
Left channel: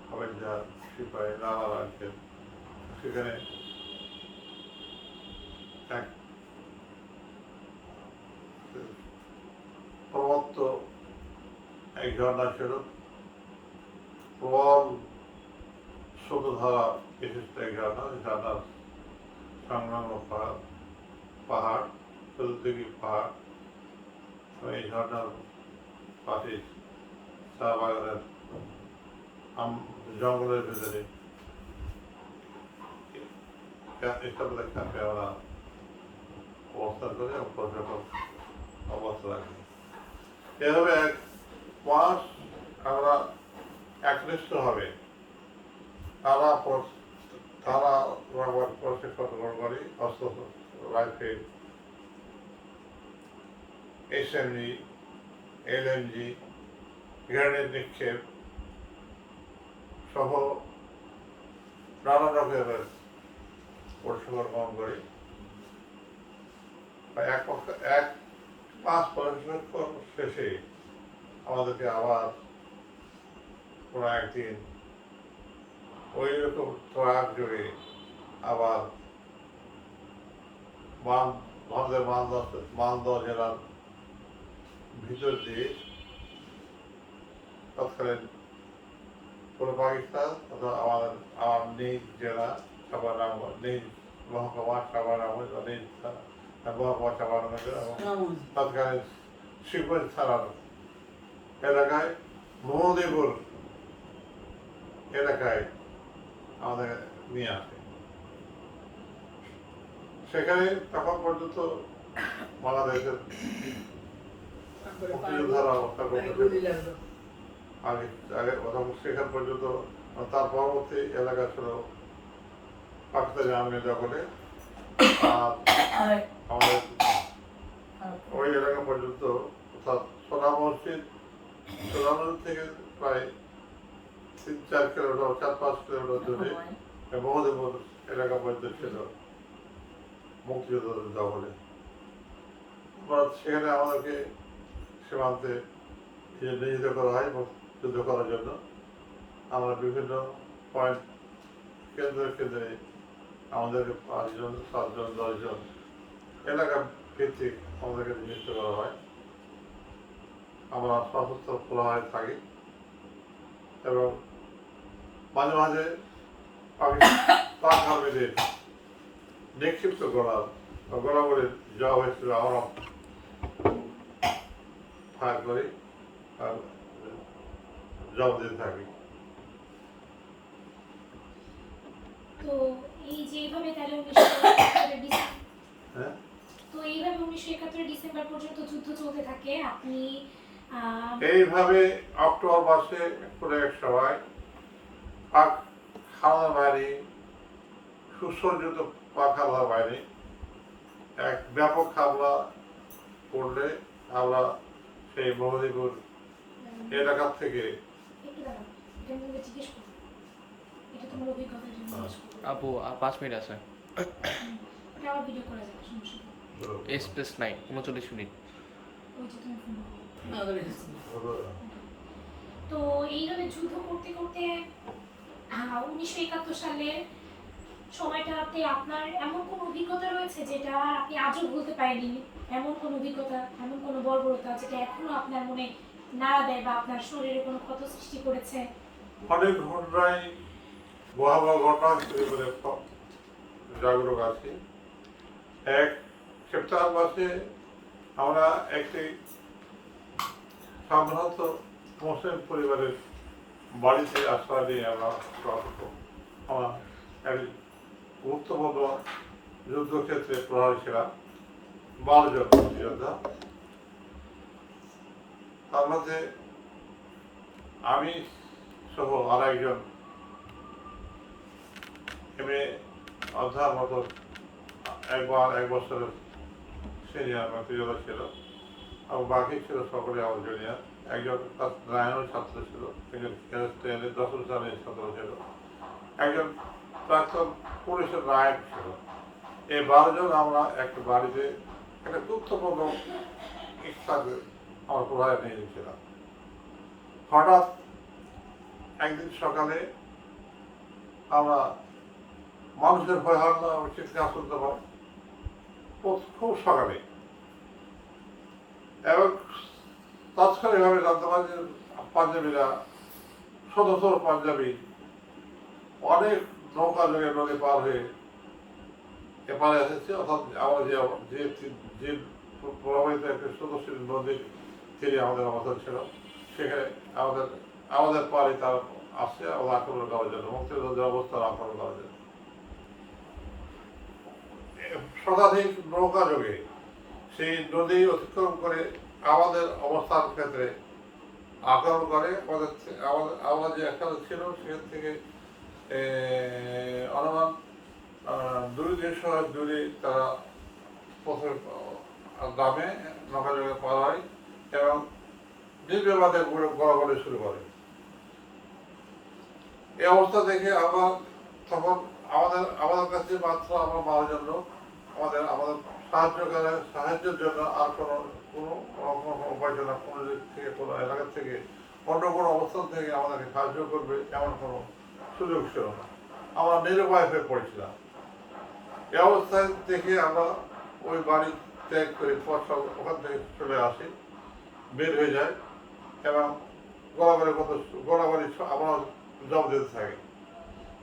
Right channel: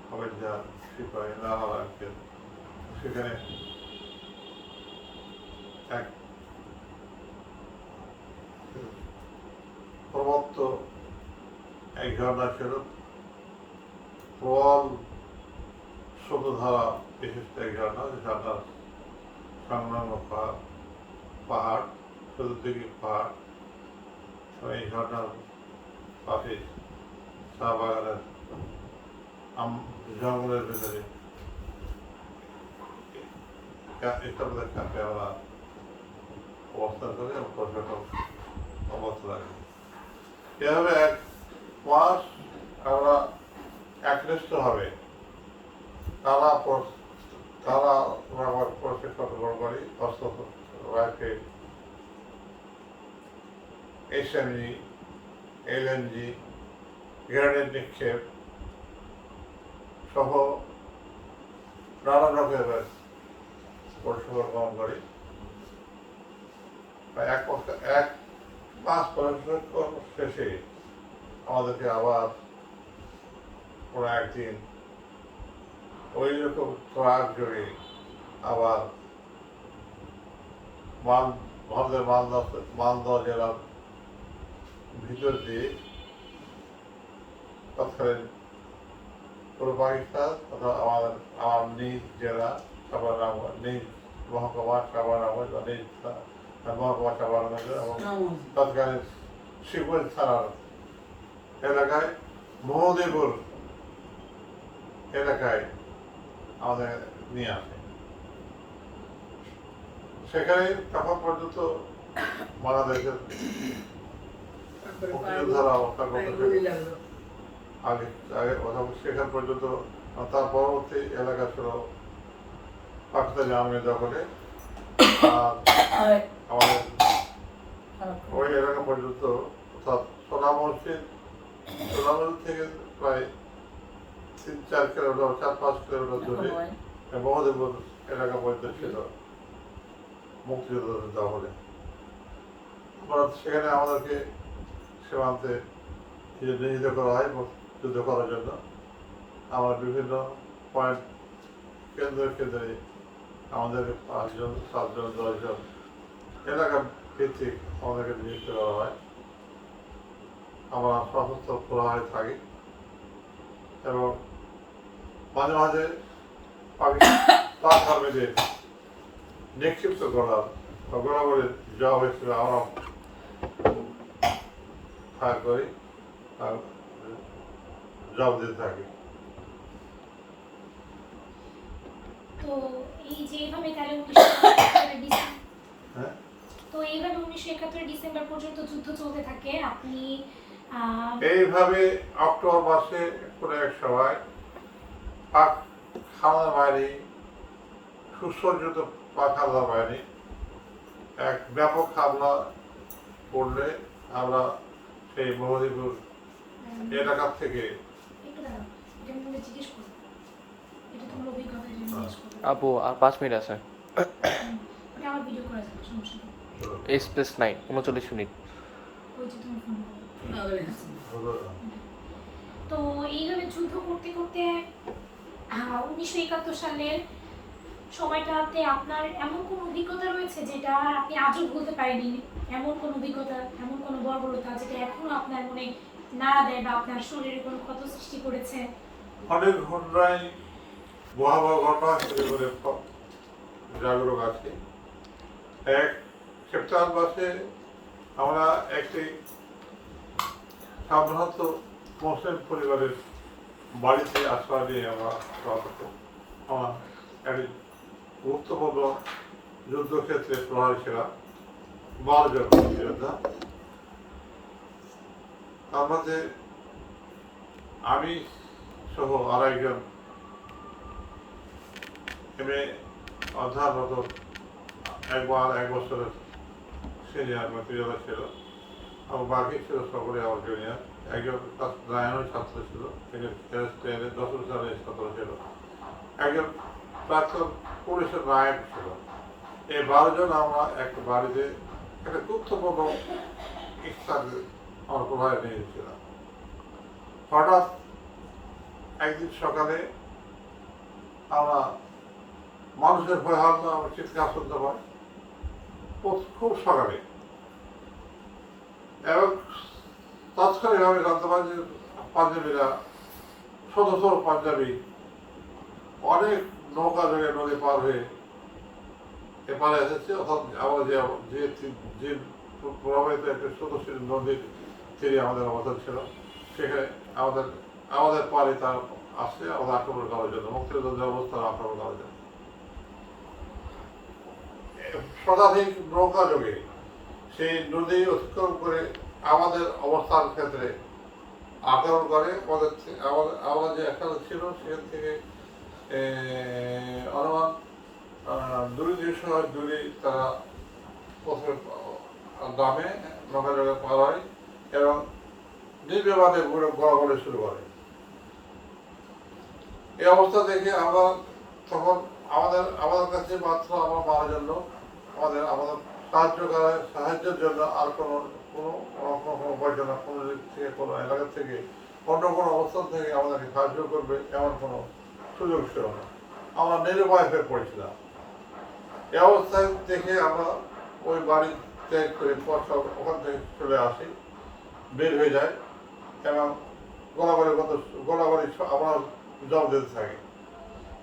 হাবিলদার, সিপাহী, নানা রাখেন। সেখানে এক প্রবত্ত এক ঝর্ণা ছিল, প্রবল স্রোতধারা বিশিষ্ট এক ঝর্ণা। ঝর্ণার সংলগ্ন পাহাড়, চতুর্দিকে পাহাড়। এই ঝর্ণার পাশে চা বাগানের জঙ্গলের ভেতরে ক্যাম্পে আমরা অবস্থান করে এবং প্রশাসন অবস্থা রাখি। এভাবে 1 মাস আমরা একনিষ্ঠভাবে তারা প্রশিক্ষণ গ্রহণ করি। অস্ত্র, রাইফেল, SMG, LNG, গ্রেনেড নিক্ষেপ সহ নানা রকমের প্রশিক্ষণ গ্রহণ করি। 1 মাস প্রশিক্ষণ শেষে আমাদেরকে আবার কোনো একদিন ওই রকম ট্রাক যোগে আবার ভারতের মালদহ জেলার ভিতর দিয়ে তৎকালীন পূর্ব পাকিস্তান তথা আমার নিজ জেলা সাবানগর, নিজ মহকুমা সাবানগর বা নিজ মহকুমা সাবানগর এবং তৎকালীন শিবগঞ্জ থানার এলাকায় মহদেবপুর এলাকায় আমাদের নিয়ে আসে। সেখানে তখন পর্যন্ত বাংলাদেশের মুক্তিযোদ্ধারা অবস্থান করতেছে। আগে আগে ওখানে সেখান পর্যন্ত তার পরবর্তী এলাকা ছিল পাকিস্তানি আর্মি দখলে। আর আমাদের ওই এলাকা পর্যন্ত অর্থাৎ সোনা মসজিদ থেকে প্রায় 3-4 কিলোমিটার 4-5 কিলোমিটার দূরে মহদেবপুর এলাকা পর্যন্ত ছিল মুক্তিযোদ্ধাদের দখলে। সেখানে আমাদেরকে সীমান্তে নিয়োজিত করা হয় যুদ্ধ করার জন্য। আমরা বিভিন্ন পয়েন্ট কেন্দ্রে আমাদেরকে 5 জন 7 জন 10 জন এলাকা ভিত্তিক আমাদেরকে নিযুক্ত করা হয়। আমরা সশস্ত্র প্রহারে থাকি এবং মাঝে মাঝে পাক আর্মিদের নিক্ষিপ্ত করার বা গোলাগুলির যা হয়েছিল আমরা ফায়ার করি আর জব দিতে থাকি। তো এই যে এইভাবে তাহলে 1971 হ্যাঁ, তো এইভাবে 1971 ডিসেম্বর পর্যন্ত যুদ্ধ চলতে থাকে। আপনি এইভাবে অক্টোবর মাসে কোনো এক সময় পাক হামলা বাহিনী সুসজ্জিত পাক হামলা বাহিনী এক ব্যাপক হামলা করলে আমরা সেই মহদীপুর এলাকার থেকে একটু দাঁড়াও, এটা আমি বলে জিজ্ঞেস করবো, এটা তোমার অভিজ্ঞতা জন্য জিজ্ঞেস করবো। আপু আর 5 মিনিট আছে। ওটা আবার ভিডিও করা যাবে, সমস্যা নেই। S+9 39 minute. ওই যে তুমি ফোন তো এইভাবে যুদ্ধ করতে করতে 1971 সালের সময়টাতে আপনার এমন কোনো অভিজ্ঞতা রয়েছে যেটা আপনি আজও ভুলতে পারেননি? এমন কোনো অভিজ্ঞতা, এমন কোনো বর্বরতা যেটা এখনো আপনার মনে নাড়া দেয় বা আপনার শরীরে কোনো ক্ষত সৃষ্টি করেছে? অনেক ঘটনায় ভয়াবহ ঘটনা হিসেবে করে জাগরুক আছি। এক সেপ্টেম্বর মাসে আমরা একটি সাধারণত মুসলিম পরিবারের বাড়িতে আশ্রয় নিয়ে আমরা এক গুরুত্বপূর্ণ যুদ্ধক্ষেত্রে প্রহরী ছিলাম, 12 জন যোদ্ধা। তার মধ্যে আমি সহ আর একজন এমএ অধ্যাপক এক বছরের সিনিয়র মেটেরিয়াল ছিল এবং বাকি ছিল সকলে আমার জুনিয়র। একজন ক্লাস 9-এর ছাত্র ছিল, একজন ক্লাস 10-এর 10 সালের ছাত্র ছিল, একজন প্রাক্তন পুলিশের নায়ক ছিল। এই 12 জন আমরা একটা বাড়িতে একটা গুরুত্বপূর্ণ স্থানে আমরা প্রভাবে নিয়ে গেছিলাম। হঠাৎ একদিন সকালে আমরা মানুষের ভয় হাল্লা চিৎকার শুনতে পাই খুব সকালে, এবং তাৎক্ষণিকভাবে জানতে পারি যে পাঞ্জাবিরা শত শত পাঞ্জাবি অনেক নৌকা যোগে নদী পার হয়ে এপারে এসেছে। অর্থাৎ আমরা যে প্রভাবিত একটি সদস্যের নদীর তীরে আমাদের অবস্থান ছিল, সেখানে আমাদের পারে তারা আসছে আমাদের আক্রমণ করার জন্য, মুক্তিযোদ্ধাদের অবস্থান আক্রমণ করার জন্য। শতাধিক নৌকা যোগে সেই নদী অতিক্রম করে আমাদের অবস্থান ক্ষেত্রে আক্রমণ করে। আমরা যে এখানে ছিল সেখান থেকে অনুমান 200 দূরে তারা প্রথমে গ্রামে নৌকা যোগে পার হয় এবং নির্বিবাদে গোলাগুলি শুরু করে। এই অবস্থা দেখে আমরা তখন আমাদের কাছে মাত্র আমরা 12 জন লোক, আমাদের সাহায্যের জন্য আর কোনো উপায় ছিল না। কোনো দিক থেকে, কোনো এলাকা থেকে, অন্য কোনো অবস্থান থেকে আমাদেরকে সাহায্য করবে এমন কোনো সুযোগ ছিল না। আমরা নিরুপায় হয়ে পড়েছিলাম। এই অবস্থায় দেখে আমরা ওই বাড়ি ত্যাগ করে ওখান থেকে চলে আসি, বের হয়ে যায় এবং গোলাবাড়ি আমরা জব দিতে থাকি।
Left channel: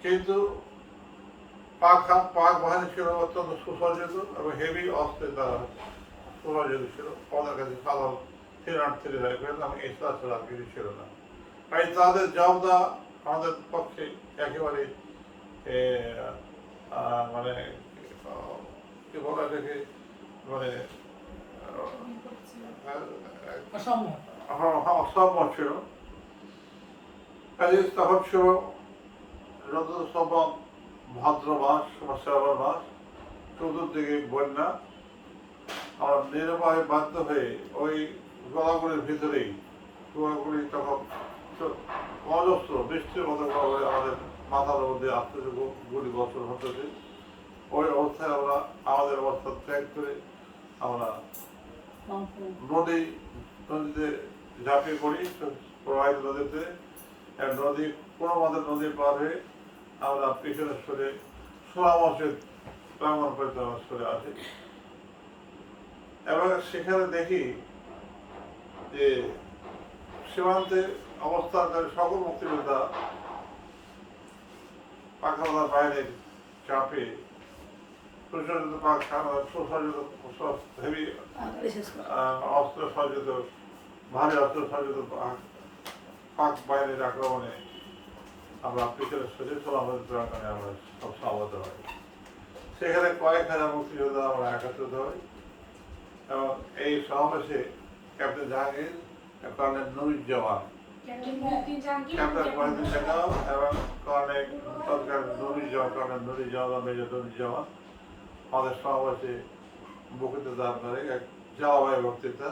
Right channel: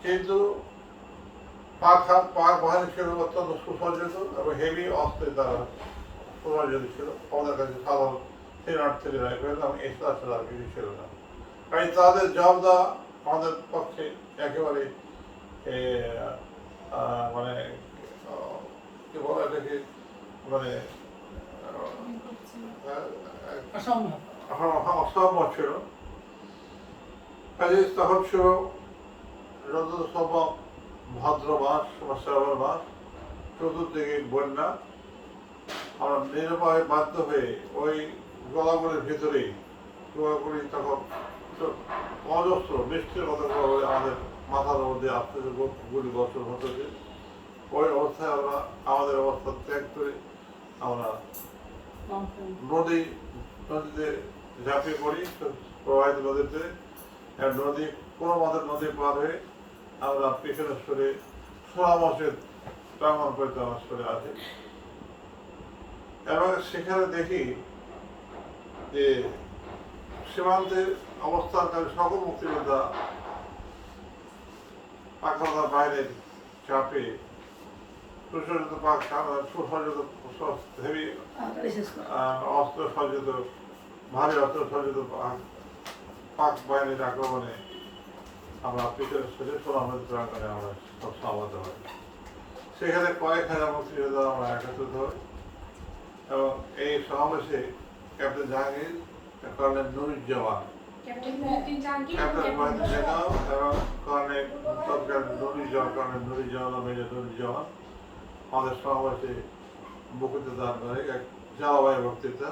কিন্তু পাক বাহিনী ছিল অত্যন্ত সুসজ্জিত এবং হেভি অস্ত্রে তারা সুসজ্জিত ছিল। আমাদের কাছে সাধারণ 383 রাইফেল এবং এক্সট্রা ছাড়া আর কিছু ছিল না। তাই তাদের জব দেওয়া আমাদের পক্ষে একেবারে মানে কি বলা দেখে মানে অসম্ভব ছিল। কাজে তখন ছিল যত সম্ভব ভাদ্র মাস বা শ্রাবণ মাস, চতুর্দিকে বন্যা। আমরা নির্ভয় বাধ্য হয়ে ওই গলাগুলির ভিতরেই গোয়াগুলি তখন অজস্র বৃষ্টির মতো করে আমাদের মাথার মধ্যে আসতেছে, গুলি বছর হতেছে। ওই অবস্থায় আমরা আমাদের অবস্থা ত্যাগ করে আমরা নদীতে ঝাঁপিয়ে পড়ি, প্রবাহিত নদীতে। নদী কোনো মতে নদী পার হয়ে আমরা পিছনে সরে সোনামসের প্রাঙ্গণ পর্যন্ত আমরা সরে আসি এবং সেখানে দেখি যে সীমান্তে অবস্থানকারী সকল মুক্তিযোদ্ধা পাকিস্তানের বাইরের চাপে সুসজ্জিত হেভি অস্ত্র সজ্জিত, ভারী অস্ত্র সজ্জিত পাক বাহিনীর আক্রমণে আমরা পিছনে সরে সোনামসের প্রাঙ্গণে আমরা সব সমাবেত হই। সেখানে কয়েক হাজার মুক্তিযোদ্ধা আমরা একত্রিত হই এবং এই সমাবেশে captain Jahangir, colonel Nuruzzaman, captain Mohiuddin Jahangir এবং কর্নেল তৎকালীন নুরুজ্জামান মেজর নুরুজ্জামান আমাদের সমাবেশে বক্তৃতা দান করে, এক জলবায়ু বক্তৃতা।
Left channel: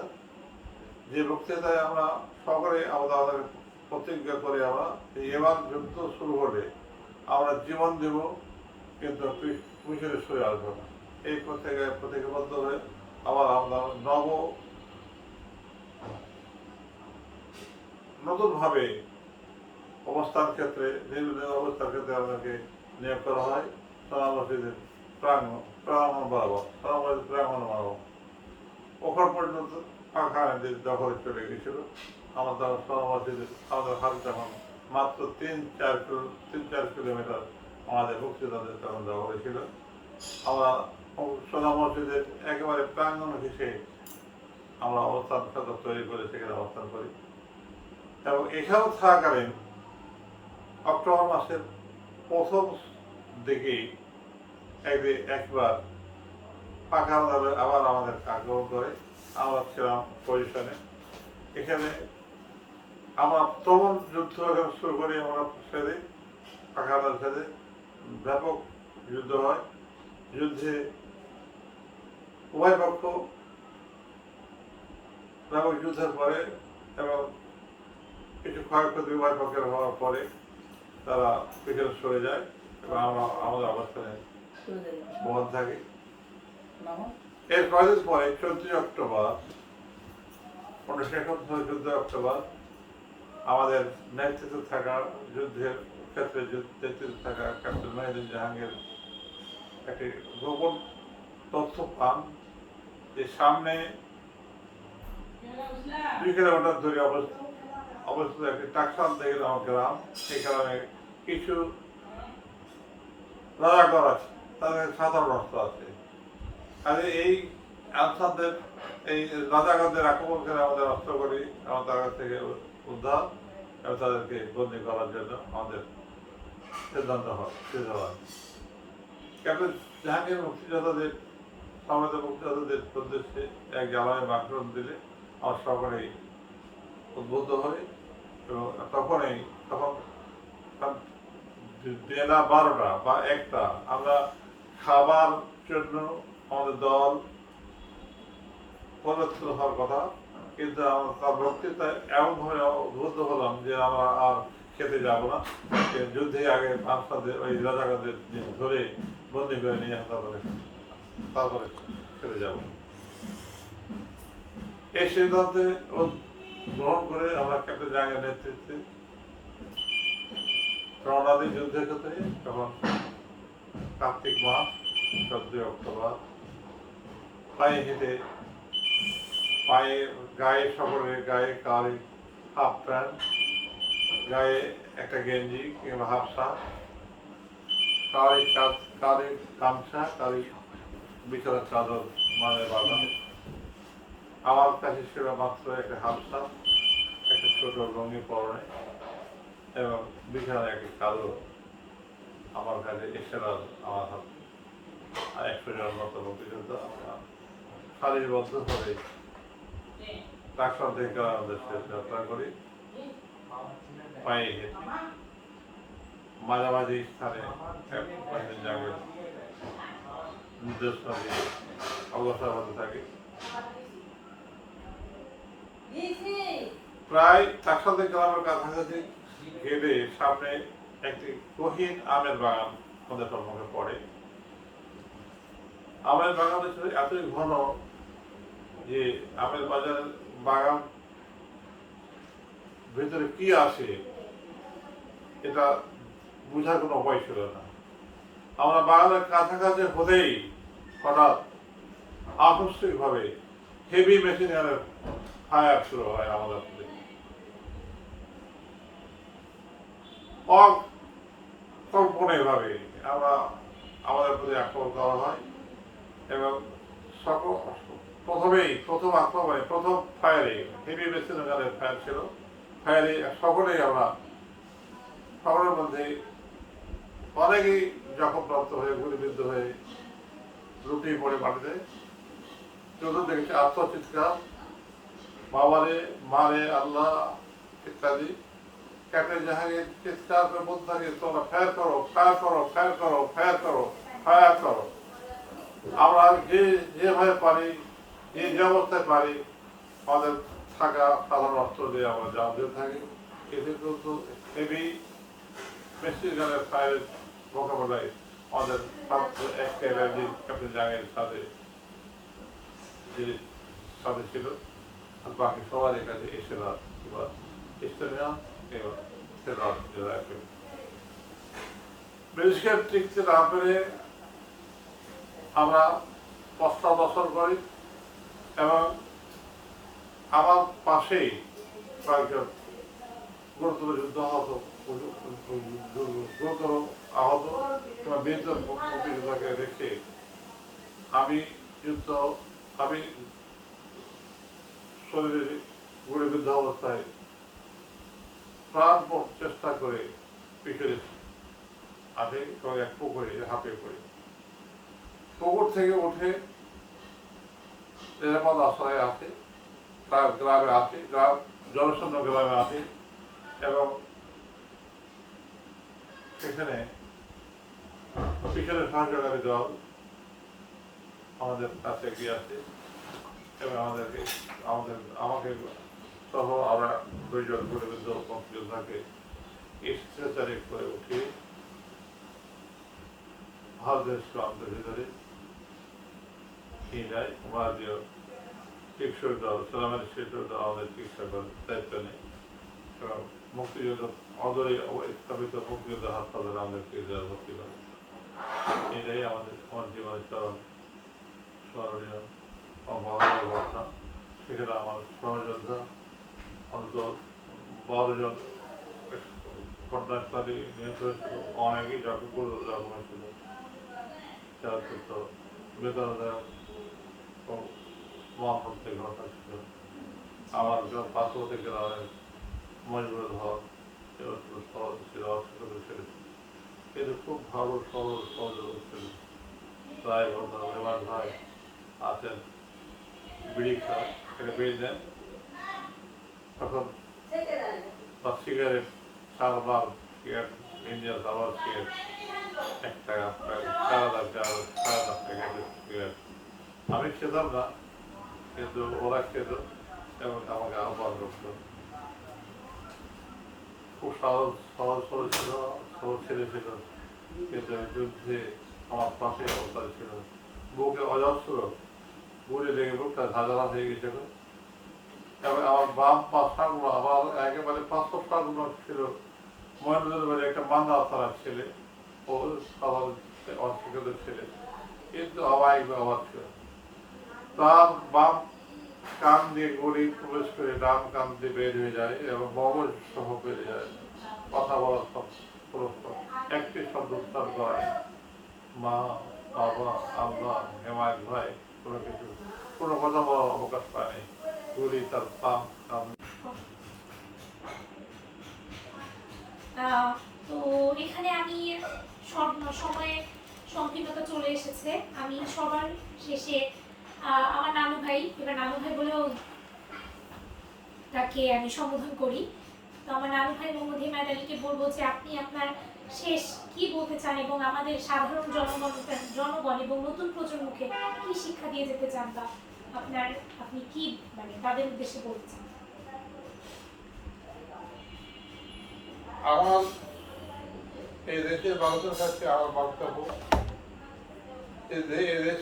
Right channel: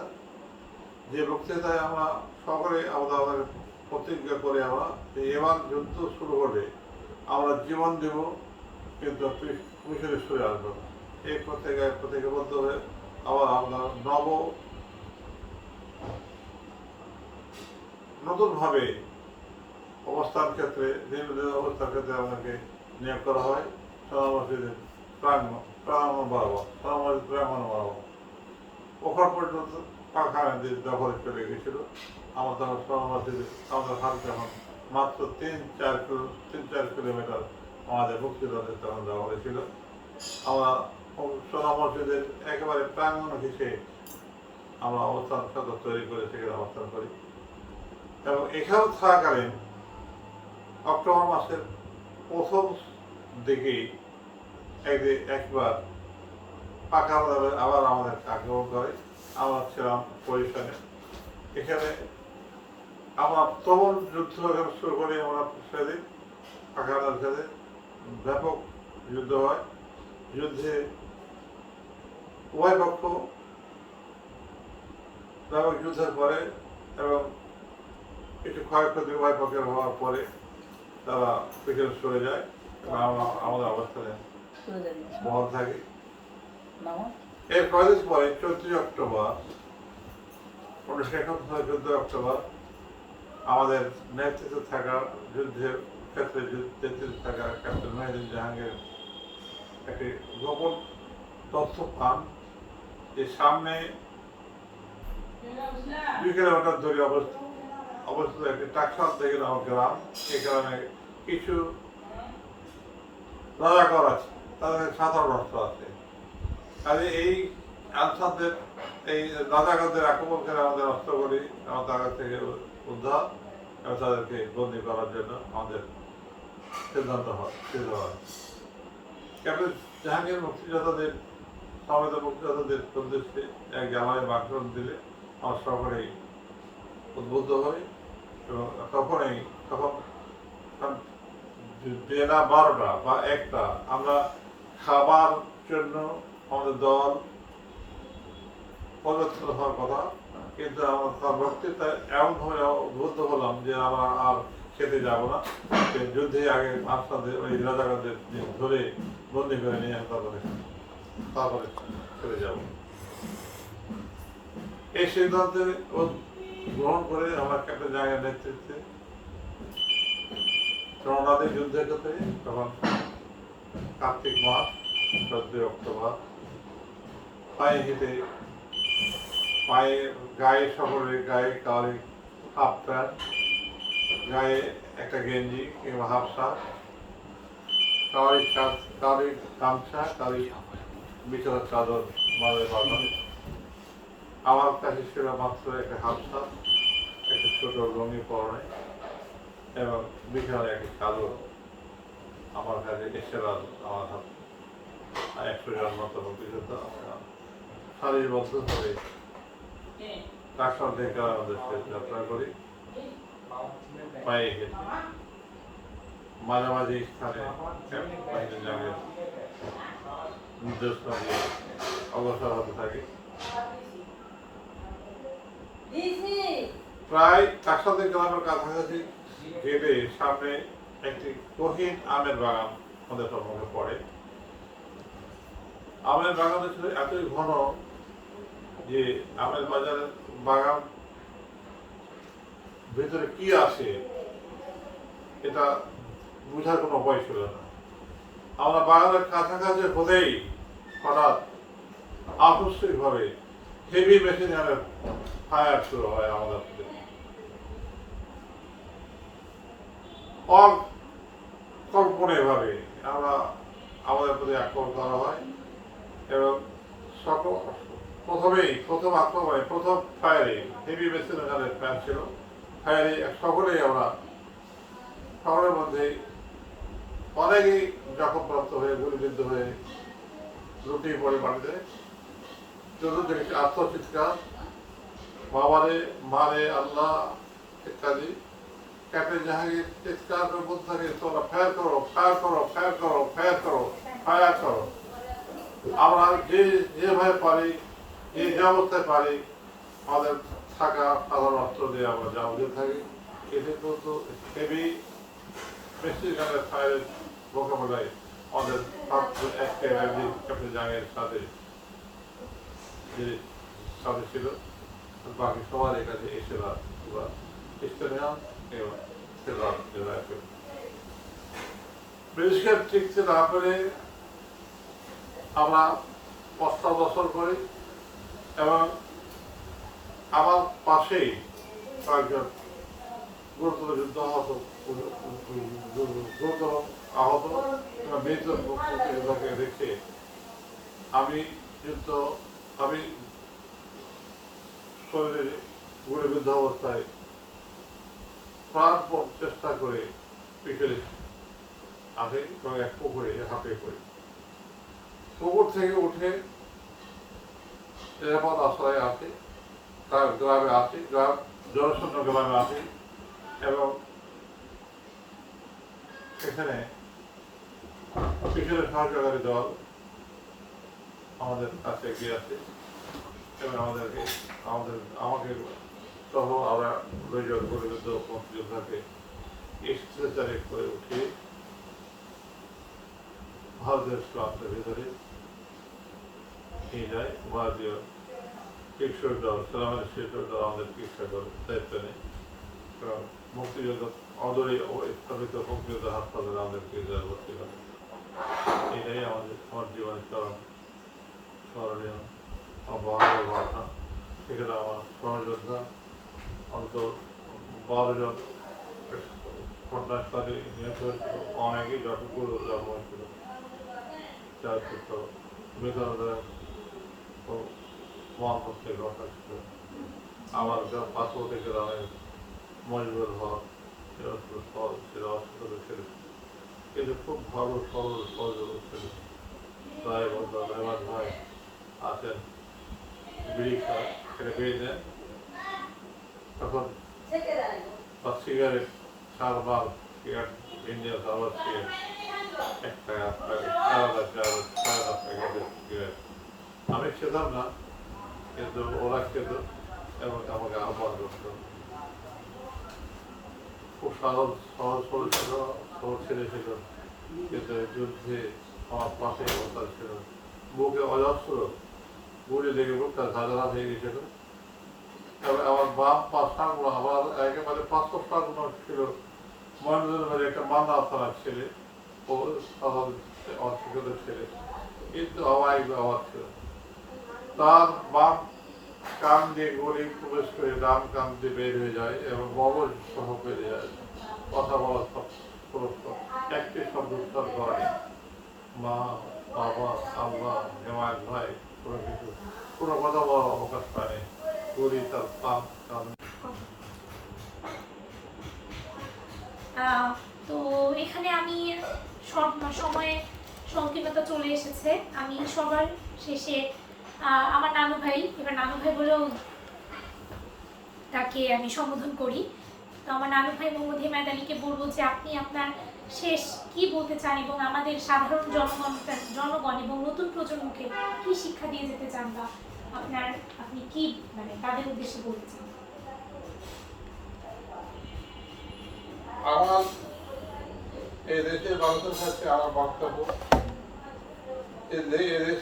যে বক্তৃতায় আমরা সকলেই আমাদের প্রতিজ্ঞা করে আমরা এবার যুদ্ধ শুরু হলে আমরা জীবন দেব, কিন্তু পিছনে সরে আসবো না। এই প্রতিজ্ঞাবদ্ধ হয়ে আবার আমরা নতুনভাবে অবস্থান ক্ষেত্রে, নির্বাচন অবস্থান ক্ষেত্রে আমাদেরকে নিয়োগ করা হয় সোনামসজিদের প্রাঙ্গণ বরাবর। ওখান পর্যন্ত পাখা আইনদের দখলে চলে গেছিল। আমাদের সোনামসজিদের আমাদের হাতে তখন মাত্র 3-4 কিলোমিটার আমাদের মুক্তিযোদ্ধাদের তখন দখলে ছিল। আমরা সোনামসজিদের একেবারে প্রাঙ্গণ ঘেঁষে আমরা অবস্থান ক্ষেত্র তৈরি করে সেখানে অবস্থান করি এবং এখানে থাকাকালীন অক্টোবর মাসের প্রথম দিকেই একবার পাকা আবার আমাদের আক্রমণ করে। আমরা ছিলাম পজিশনে। এখানে আমরা তখন যুদ্ধ শুরু করি, আমরা সাথে পাকা সাথে ব্যাপক যুদ্ধ হয়। যুদ্ধে উভয় পক্ষ ব্যাপক যুদ্ধের পরে এবং কিছু ক্ষয়ক্ষতি উভয় পক্ষের হওয়ার পরে তারা পিছনে সরে যায় এবং আমরা আমাদের অবস্থানে বহাল থাকি। এর কয়েকদিন পরে 14 অক্টোবর 1971 অক্টোবর আমাদের নেতৃত্বে থাকা যুদ্ধের ক্ষেত্রে নেতৃত্বে থাকা ক্যাপ্টেন মহিউদ্দিন জাহাঙ্গীর একটি গোপন তথ্য পান যে সামনে 2 কিলোমিটার দূরে অবস্থিত একটি টাকসাল থেকে আমার গ্রাম, সেখানে কিছু রাজাকর আছে, তাদের সাধারণ রাস্তা আছে। কাজে এই আনসারদের, এই রাজাকারদের আক্রমণ করে আমাদের অস্ত্রগুলি আমার তার কাছ থেকে উদ্ধার এবং তাদেরকে বন্দি করার জন্য আমাদের সিদ্ধান্ত হয়। ক্যাপ্টেন জাহাঙ্গীর মুক্তিযোদ্ধাদের সমবেত মুক্তিযোদ্ধাদের উদ্দেশ্যে এক জ্বালানি আক্রমণ দিলে আমার সকলেই উদ্বুদ্ধ হই এবং তখন বেলা 12টা বা 1টা আমরা খাবার জন্য আমাদের দল পরিবর্তন হওয়ার কথা, কিন্তু তার বক্তৃতায় এমনভাবে উদ্বুদ্ধ হলাম যে আমরা আর খেতে যাব না, যুদ্ধে আগে আনসারদের ওই রাজাকারদের ধরে বন্দি করে নিয়ে আসা করে তারপরে খেতে যাব। এই সিদ্ধান্তে গ্রহণ করে আমরা ক্যাপ্টেন জাহাঙ্গীরের নেতৃত্বে রওনা দিই যুদ্ধের ক্ষেত্রে। তখন কার্তিক মাস 14 অক্টোবর গায়ে সকলের গায়ে কারি হাফ প্যান্ট, গায়ে একটা গেঞ্জি কিংবা হাফ শার্ট, কারি গামছা, কারি বিছানার চাদর মাঝে বাঁধা। আমার কাছে ছিল মাত্র একটা হাফ শার্ট, একটা ছোট লুঙ্গি পরনে এবং বিছানায় একটা চাদর আমার কাছে এছাড়া আমার হাত 100 জন মতো মুক্তিযোদ্ধা সারিবদ্ধ করে টাকসাল থেকে আমাদের যাত্রা করি পায়ে হেঁটে মাঝামাঝি স্থানে জায়গায় নির্দেশনা দিয়ে অগ্রসর হতে থাকে। প্রায় 400 গ্রামের কাছাকাছি গেলে সামনে একটি গহীন আমের বাগান আমাদের সম্মুখে পড়ে। আমের বাগানটা ছিল এতই ঘন যে আমের বাজারের বাগান ভিতরে কি আছে এটা বোঝার কোনো উপায় ছিল না। আমরা বাগানের কাছাকাছি হতেই হঠাৎ আকস্মিকভাবে হেভি মেশিন গানের ফায়ার শুরু হয় আমাদের প্রতি। অকল্পনীয়ভাবে আমাদের প্রতি আক্রমণ করা হয় এবং প্রথম আক্রমণে প্রথম ফায়ারে হেভি মেশিন গানের ফায়ার ছিল। ফায়ারে সকলের মধ্যে অনেকেই জখমপ্রাপ্ত হয়ে গুলিবিদ্ধ হয়ে লুটিয়ে পড়ে মাটিতে। চতুর্দিকে আত্মচিৎকার, বাবারে মারে আল্লাহ ইত্যাদি। ক্যাপ্টেন জাহাঙ্গীর চিৎকার করে বলতে থাকে, তোমরা ফায়ার করো, ফায়ার করো, ফায়ার করো, ফায়ার করো, ফায়ার করো। আমরা যেভাবে পারি, যে অবস্থায় পারি, আমাদের থাকা সাধারণ অস্ত্র দিয়ে আমরা জাল দিয়ে থাকি। এতে কিন্তু হেভি মেশিন গানের ফায়ারের মোকাবেলায় আমাদের ছাত্র একেবারে ক্যাপ্টেন জাহাঙ্গীরের সাথে ছিল, বাকি সবার কাছে এসে ব্রিটিশকে টিকতে না পেরে আমরা পশ্চাদর্শন করি এবং আমার পাশেই কয়েকজন গুরুতর যুদ্ধ আহত কিংবা মৃত মুক্তিযোদ্ধাকে রেখে আমি শরীরে গুলিবিদ্ধ অবস্থায় প্রাণপণ চেষ্টা করে পিছনে আসে এবং এক পুকুরে হাঁপিয়ে পড়ি। পুকুর থেকে উঠে নিরাপদ আশ্রয়ে আসি, তার গ্রামে আসি, জনশূন্য গ্রামে আসি এবং সেখানে পিছনে সহযোগী দল আমাদের কাছে এগিয়ে আসে এবং আমাকে সহ আমরা দুইজন গুলিবিদ্ধ মুক্তিযোদ্ধাকে স্ট্রেচারে করে উঠিয়ে ভারতের প্রান্তের ভিতরে নিয়ে যায়। ভারতীয় চিকিৎসক দল, সালামের চিকিৎসক দল আমাদের চিকিৎসা করে দায়িত্ব নেই এবং মুক্তিযোদ্ধা অদূরেই স্থাপিত মুক্তিযোদ্ধা হাসপাতালে আমাদের চিকিৎসা ভর্তি করে। এটাই আমার জীবনের স্মরণীয় মহানগর ঘটনা। সেখানে আমার সহযোদ্ধা অন্তত 12 জন ঘটনাস্থলে নিহত হয়েছিল, অনেকেই যতগুলো জন্ম হয়েছিল। যার মৃতদের মহাপ্রত্যেক ঘটনা ছিল। আমার পার্শ্ববর্তী গ্রামের মজবুর হক ছিল অসুস্থ ছিল, কিন্তু খুব ভালো সহযোগী ছিল। প্রায় মেহমান ভাই আছেন, বিড়ি খায়, সেটা বিড়ি দেন, তখন বা cigarette Salman cigarette Indian Salman cigarette 1 টাকা 4,000 সিগারেট আমি খেতাম না, কিন্তু ওরা খেত এবং আমাকে আহ্বান করত। খুব সহজ ছিল, সহজ ছেলে ছিল, কিন্তু যুদ্ধে আমার পাশে অবস্থা ছিল। বুকে অজস্র গুলি লেগে বুকটা ঝাঁঝালা হয়ে গেছিল এবং আমার বাম পাশাগুলো আমার একেবারে 500 পাগুলো ছিল। মহেন্দ্রের মাঝে একটা মান্দা থানা ছেলে, ও সাধারণ অশিক্ষিত ছেলে, কিন্তু অবাক ছিল। তার বাম কান দিয়ে গুলি প্রবেশ করে ডান কান দিয়ে বের হয়ে যায় এবং মগজ সহ বেড়ে যায়। কথা বলার একটি শব্দ উচ্চার করে, মা, বাবা, আল্লাহ, হেমায়ত ভাই, কোনো কথা বলার অবকাশ পায়নি। গুলি তার পাপ কান। তো এখানে আমি সময়ে সংকীর্ণতা চলে এসেছে। আমি সবার শেষে আমার নানু ভাই, এবার নানু ভাই বলেও তাকে আমি সম্বোধন করি। তো আমার নানু ভাই মোহাম্মদ হেমায়েত আলীকে বলবো যে আপনি আপনার শেষ কি বলতে চান এবং আমাদের সাধারণ জনগণ এবং নতুন প্রজন্মকে কি শিক্ষা দিয়ে যেতে চান, বা আপনি কি মানে তাদের উদ্দেশ্যে বলতে চান? আমার এই দেশের মানুষের কাছে আমার বক্তব্য, এই দেশ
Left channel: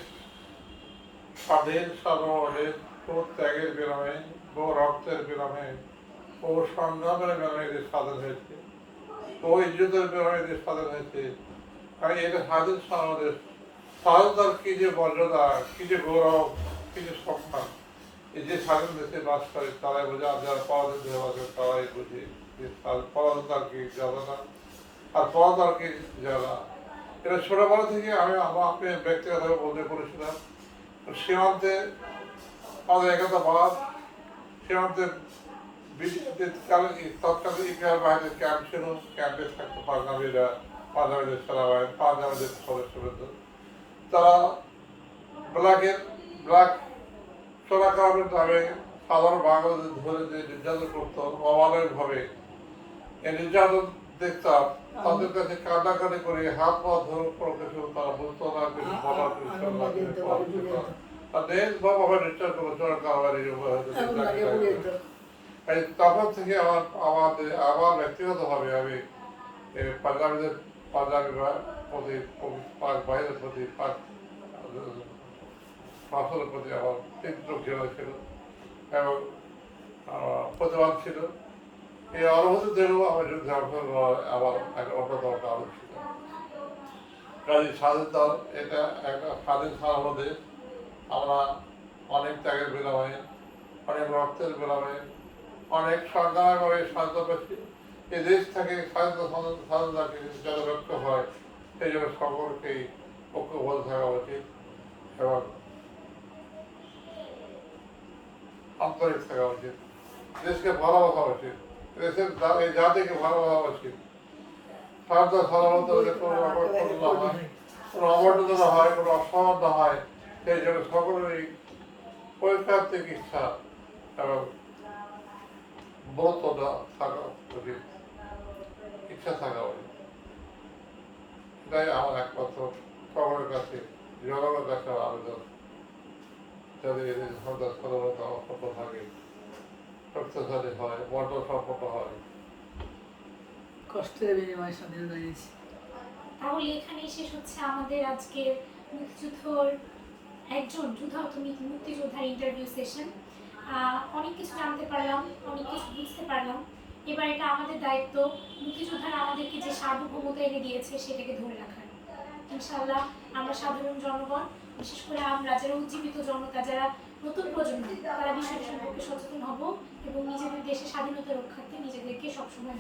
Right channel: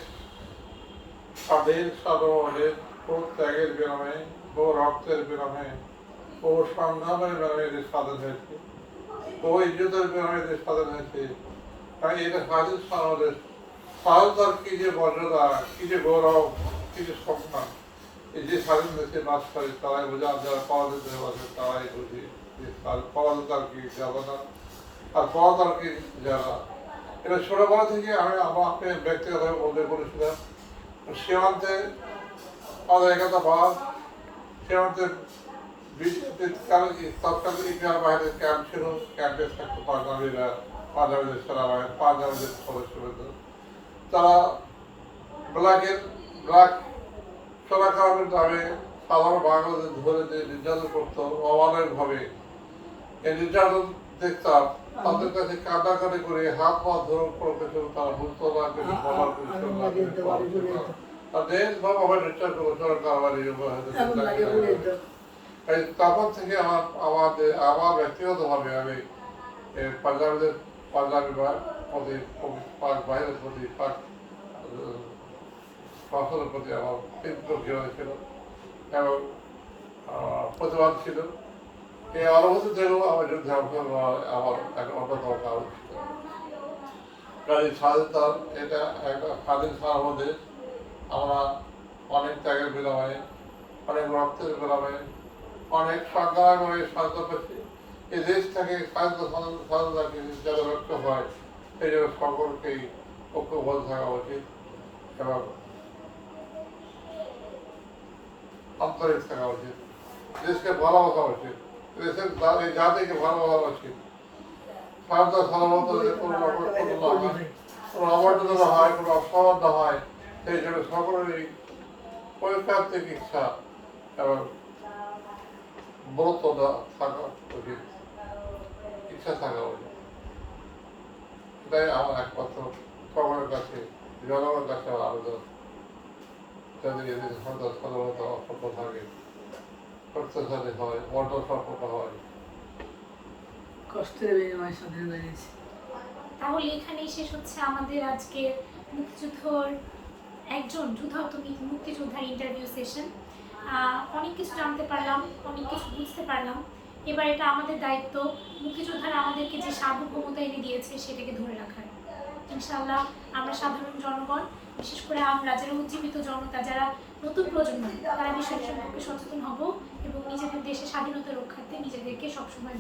স্বাধীন সাধারণের বহু ত্যাগের বিনিময়ে, বহু রক্তের বিনিময়ে, বহু সংগ্রামের বিনিময়ে এদের স্বাধীন হয়েছে, বহু ইজ্জতের বিনিময়ে এদের স্বাধীন হয়েছে। তাই এটা স্বাধীন আমাদের স্বাধীনতার কি যে মর্যাদা, কি যে গৌরব, কি যে সম্মান, এই যে স্বাধীন দেশে বাস করে তারাই বোঝে, যারা পরাধীন আছে তারাই বুঝে যে পরাধীনতার কি যাবে আর পরাধীনতার কি যারা। এটা ছোটবেলা থেকে আমি ব্যক্তিগত উল্লেখ করেছিলাম। সীমান্তে আমাদের একতা বাস, সীমান্তে তৎকালীন ইতিহাস বাহিনীর ক্যাম্প ছিল, ক্যাম্পে থাকতো পাঞ্জাবিদের সেনাবাহিনী, পাঞ্জাবিদের সদস্যবৃন্দ। তারা ব্ল্যাক চোরাকামের নামে সাধারণ বাংলাদেশ ধরে যে নির্যাতন করতো অমানবিকভাবে, এই নির্যাতন দেখতাম। তাদের কাছে কান্নাকাটি করে হাত পা ধরে কিছু তারা বুঝতো না, কিছু বলার কিছু দেশভাবে নির্যাতন করলো চোরাকামারি। তখন থেকে আমার ব্যক্তিগতভাবে আমি পাঞ্জাবিদের পাঞ্জাবি প্রতি বাহিরের প্রতি ফসলের প্রতি আমার তীব্র ঘৃণা ছিল এবং প্রতিবাদ ছিল। এই অনুভূতি থেকেও আমার যুদ্ধে আমার একটা অন্যতম কারণ ছিল। কাজে স্বাধীনতার এটা একটা স্বাধীন সার্বদেশ, আমরা অনেক ত্যাগের বিনিময়ে, অনেক রক্তের বিনিময়ে, অনেক সংগ্রামে স্বাধীনতা পেয়েছি। এই দেশ থেকে স্বাধীনতাকে যাতে রক্ষা হয় সেই জন্য সকলকেই ঐক্যবদ্ধ থাকা উচিত এবং আন্তরিক থাকা উচিত, দেশকে ভালোবাসা উচিত, দেশের এই জাতিকে ভালোবাসা উচিত। স্বাধীনতা সাধারণত কোনো অবর্জনা হয়, কোনো অসম্মান না হয়, সেই জন্য সকলেরই পরিষ্কার থেকে ইচ্ছা এবং বলতো থাকা উচিত, ইচ্ছা থাকা উচিত। এটাই আমার একমাত্র সকলের কাছে, জনগণের কাছে আবেদন, যাতে সন্তান সাধারণত অসম্ভ থাকে, শক্তিশালী হয়, মন্ডল সম্পন্ন হয়। কষ্টের বিনিময়ে স্বাধীনতা এনেছি। তাহলে এখানেই শেষ হচ্ছে আমাদের আজকের মুক্তিযুদ্ধর একজন যুদ্ধাহত মুক্তিযোদ্ধার ইন্টারভিউ সেশন। অনেক কিছু জানতে পারলাম, অনেক কিছু বুঝতে পারলাম। এবার এটা আমাদের দায়িত্ব, মুক্তিযোদ্ধারা আমাদেরকে যে সার্বভৌমতা এনে দিয়েছে সেটাকে ধরে রাখার। ইনশাআল্লাহ আমরা সাধারণ জনগণ, বিশেষ করে আমরা যারা উজ্জীবিত জনতা, যারা নতুন প্রজন্ম, তারা বিষয়টি সম্পর্কে সচেতন হব এবং নিজেদের দেশের স্বাধীনতা রক্ষার্থে নিজেদেরকে সবসময়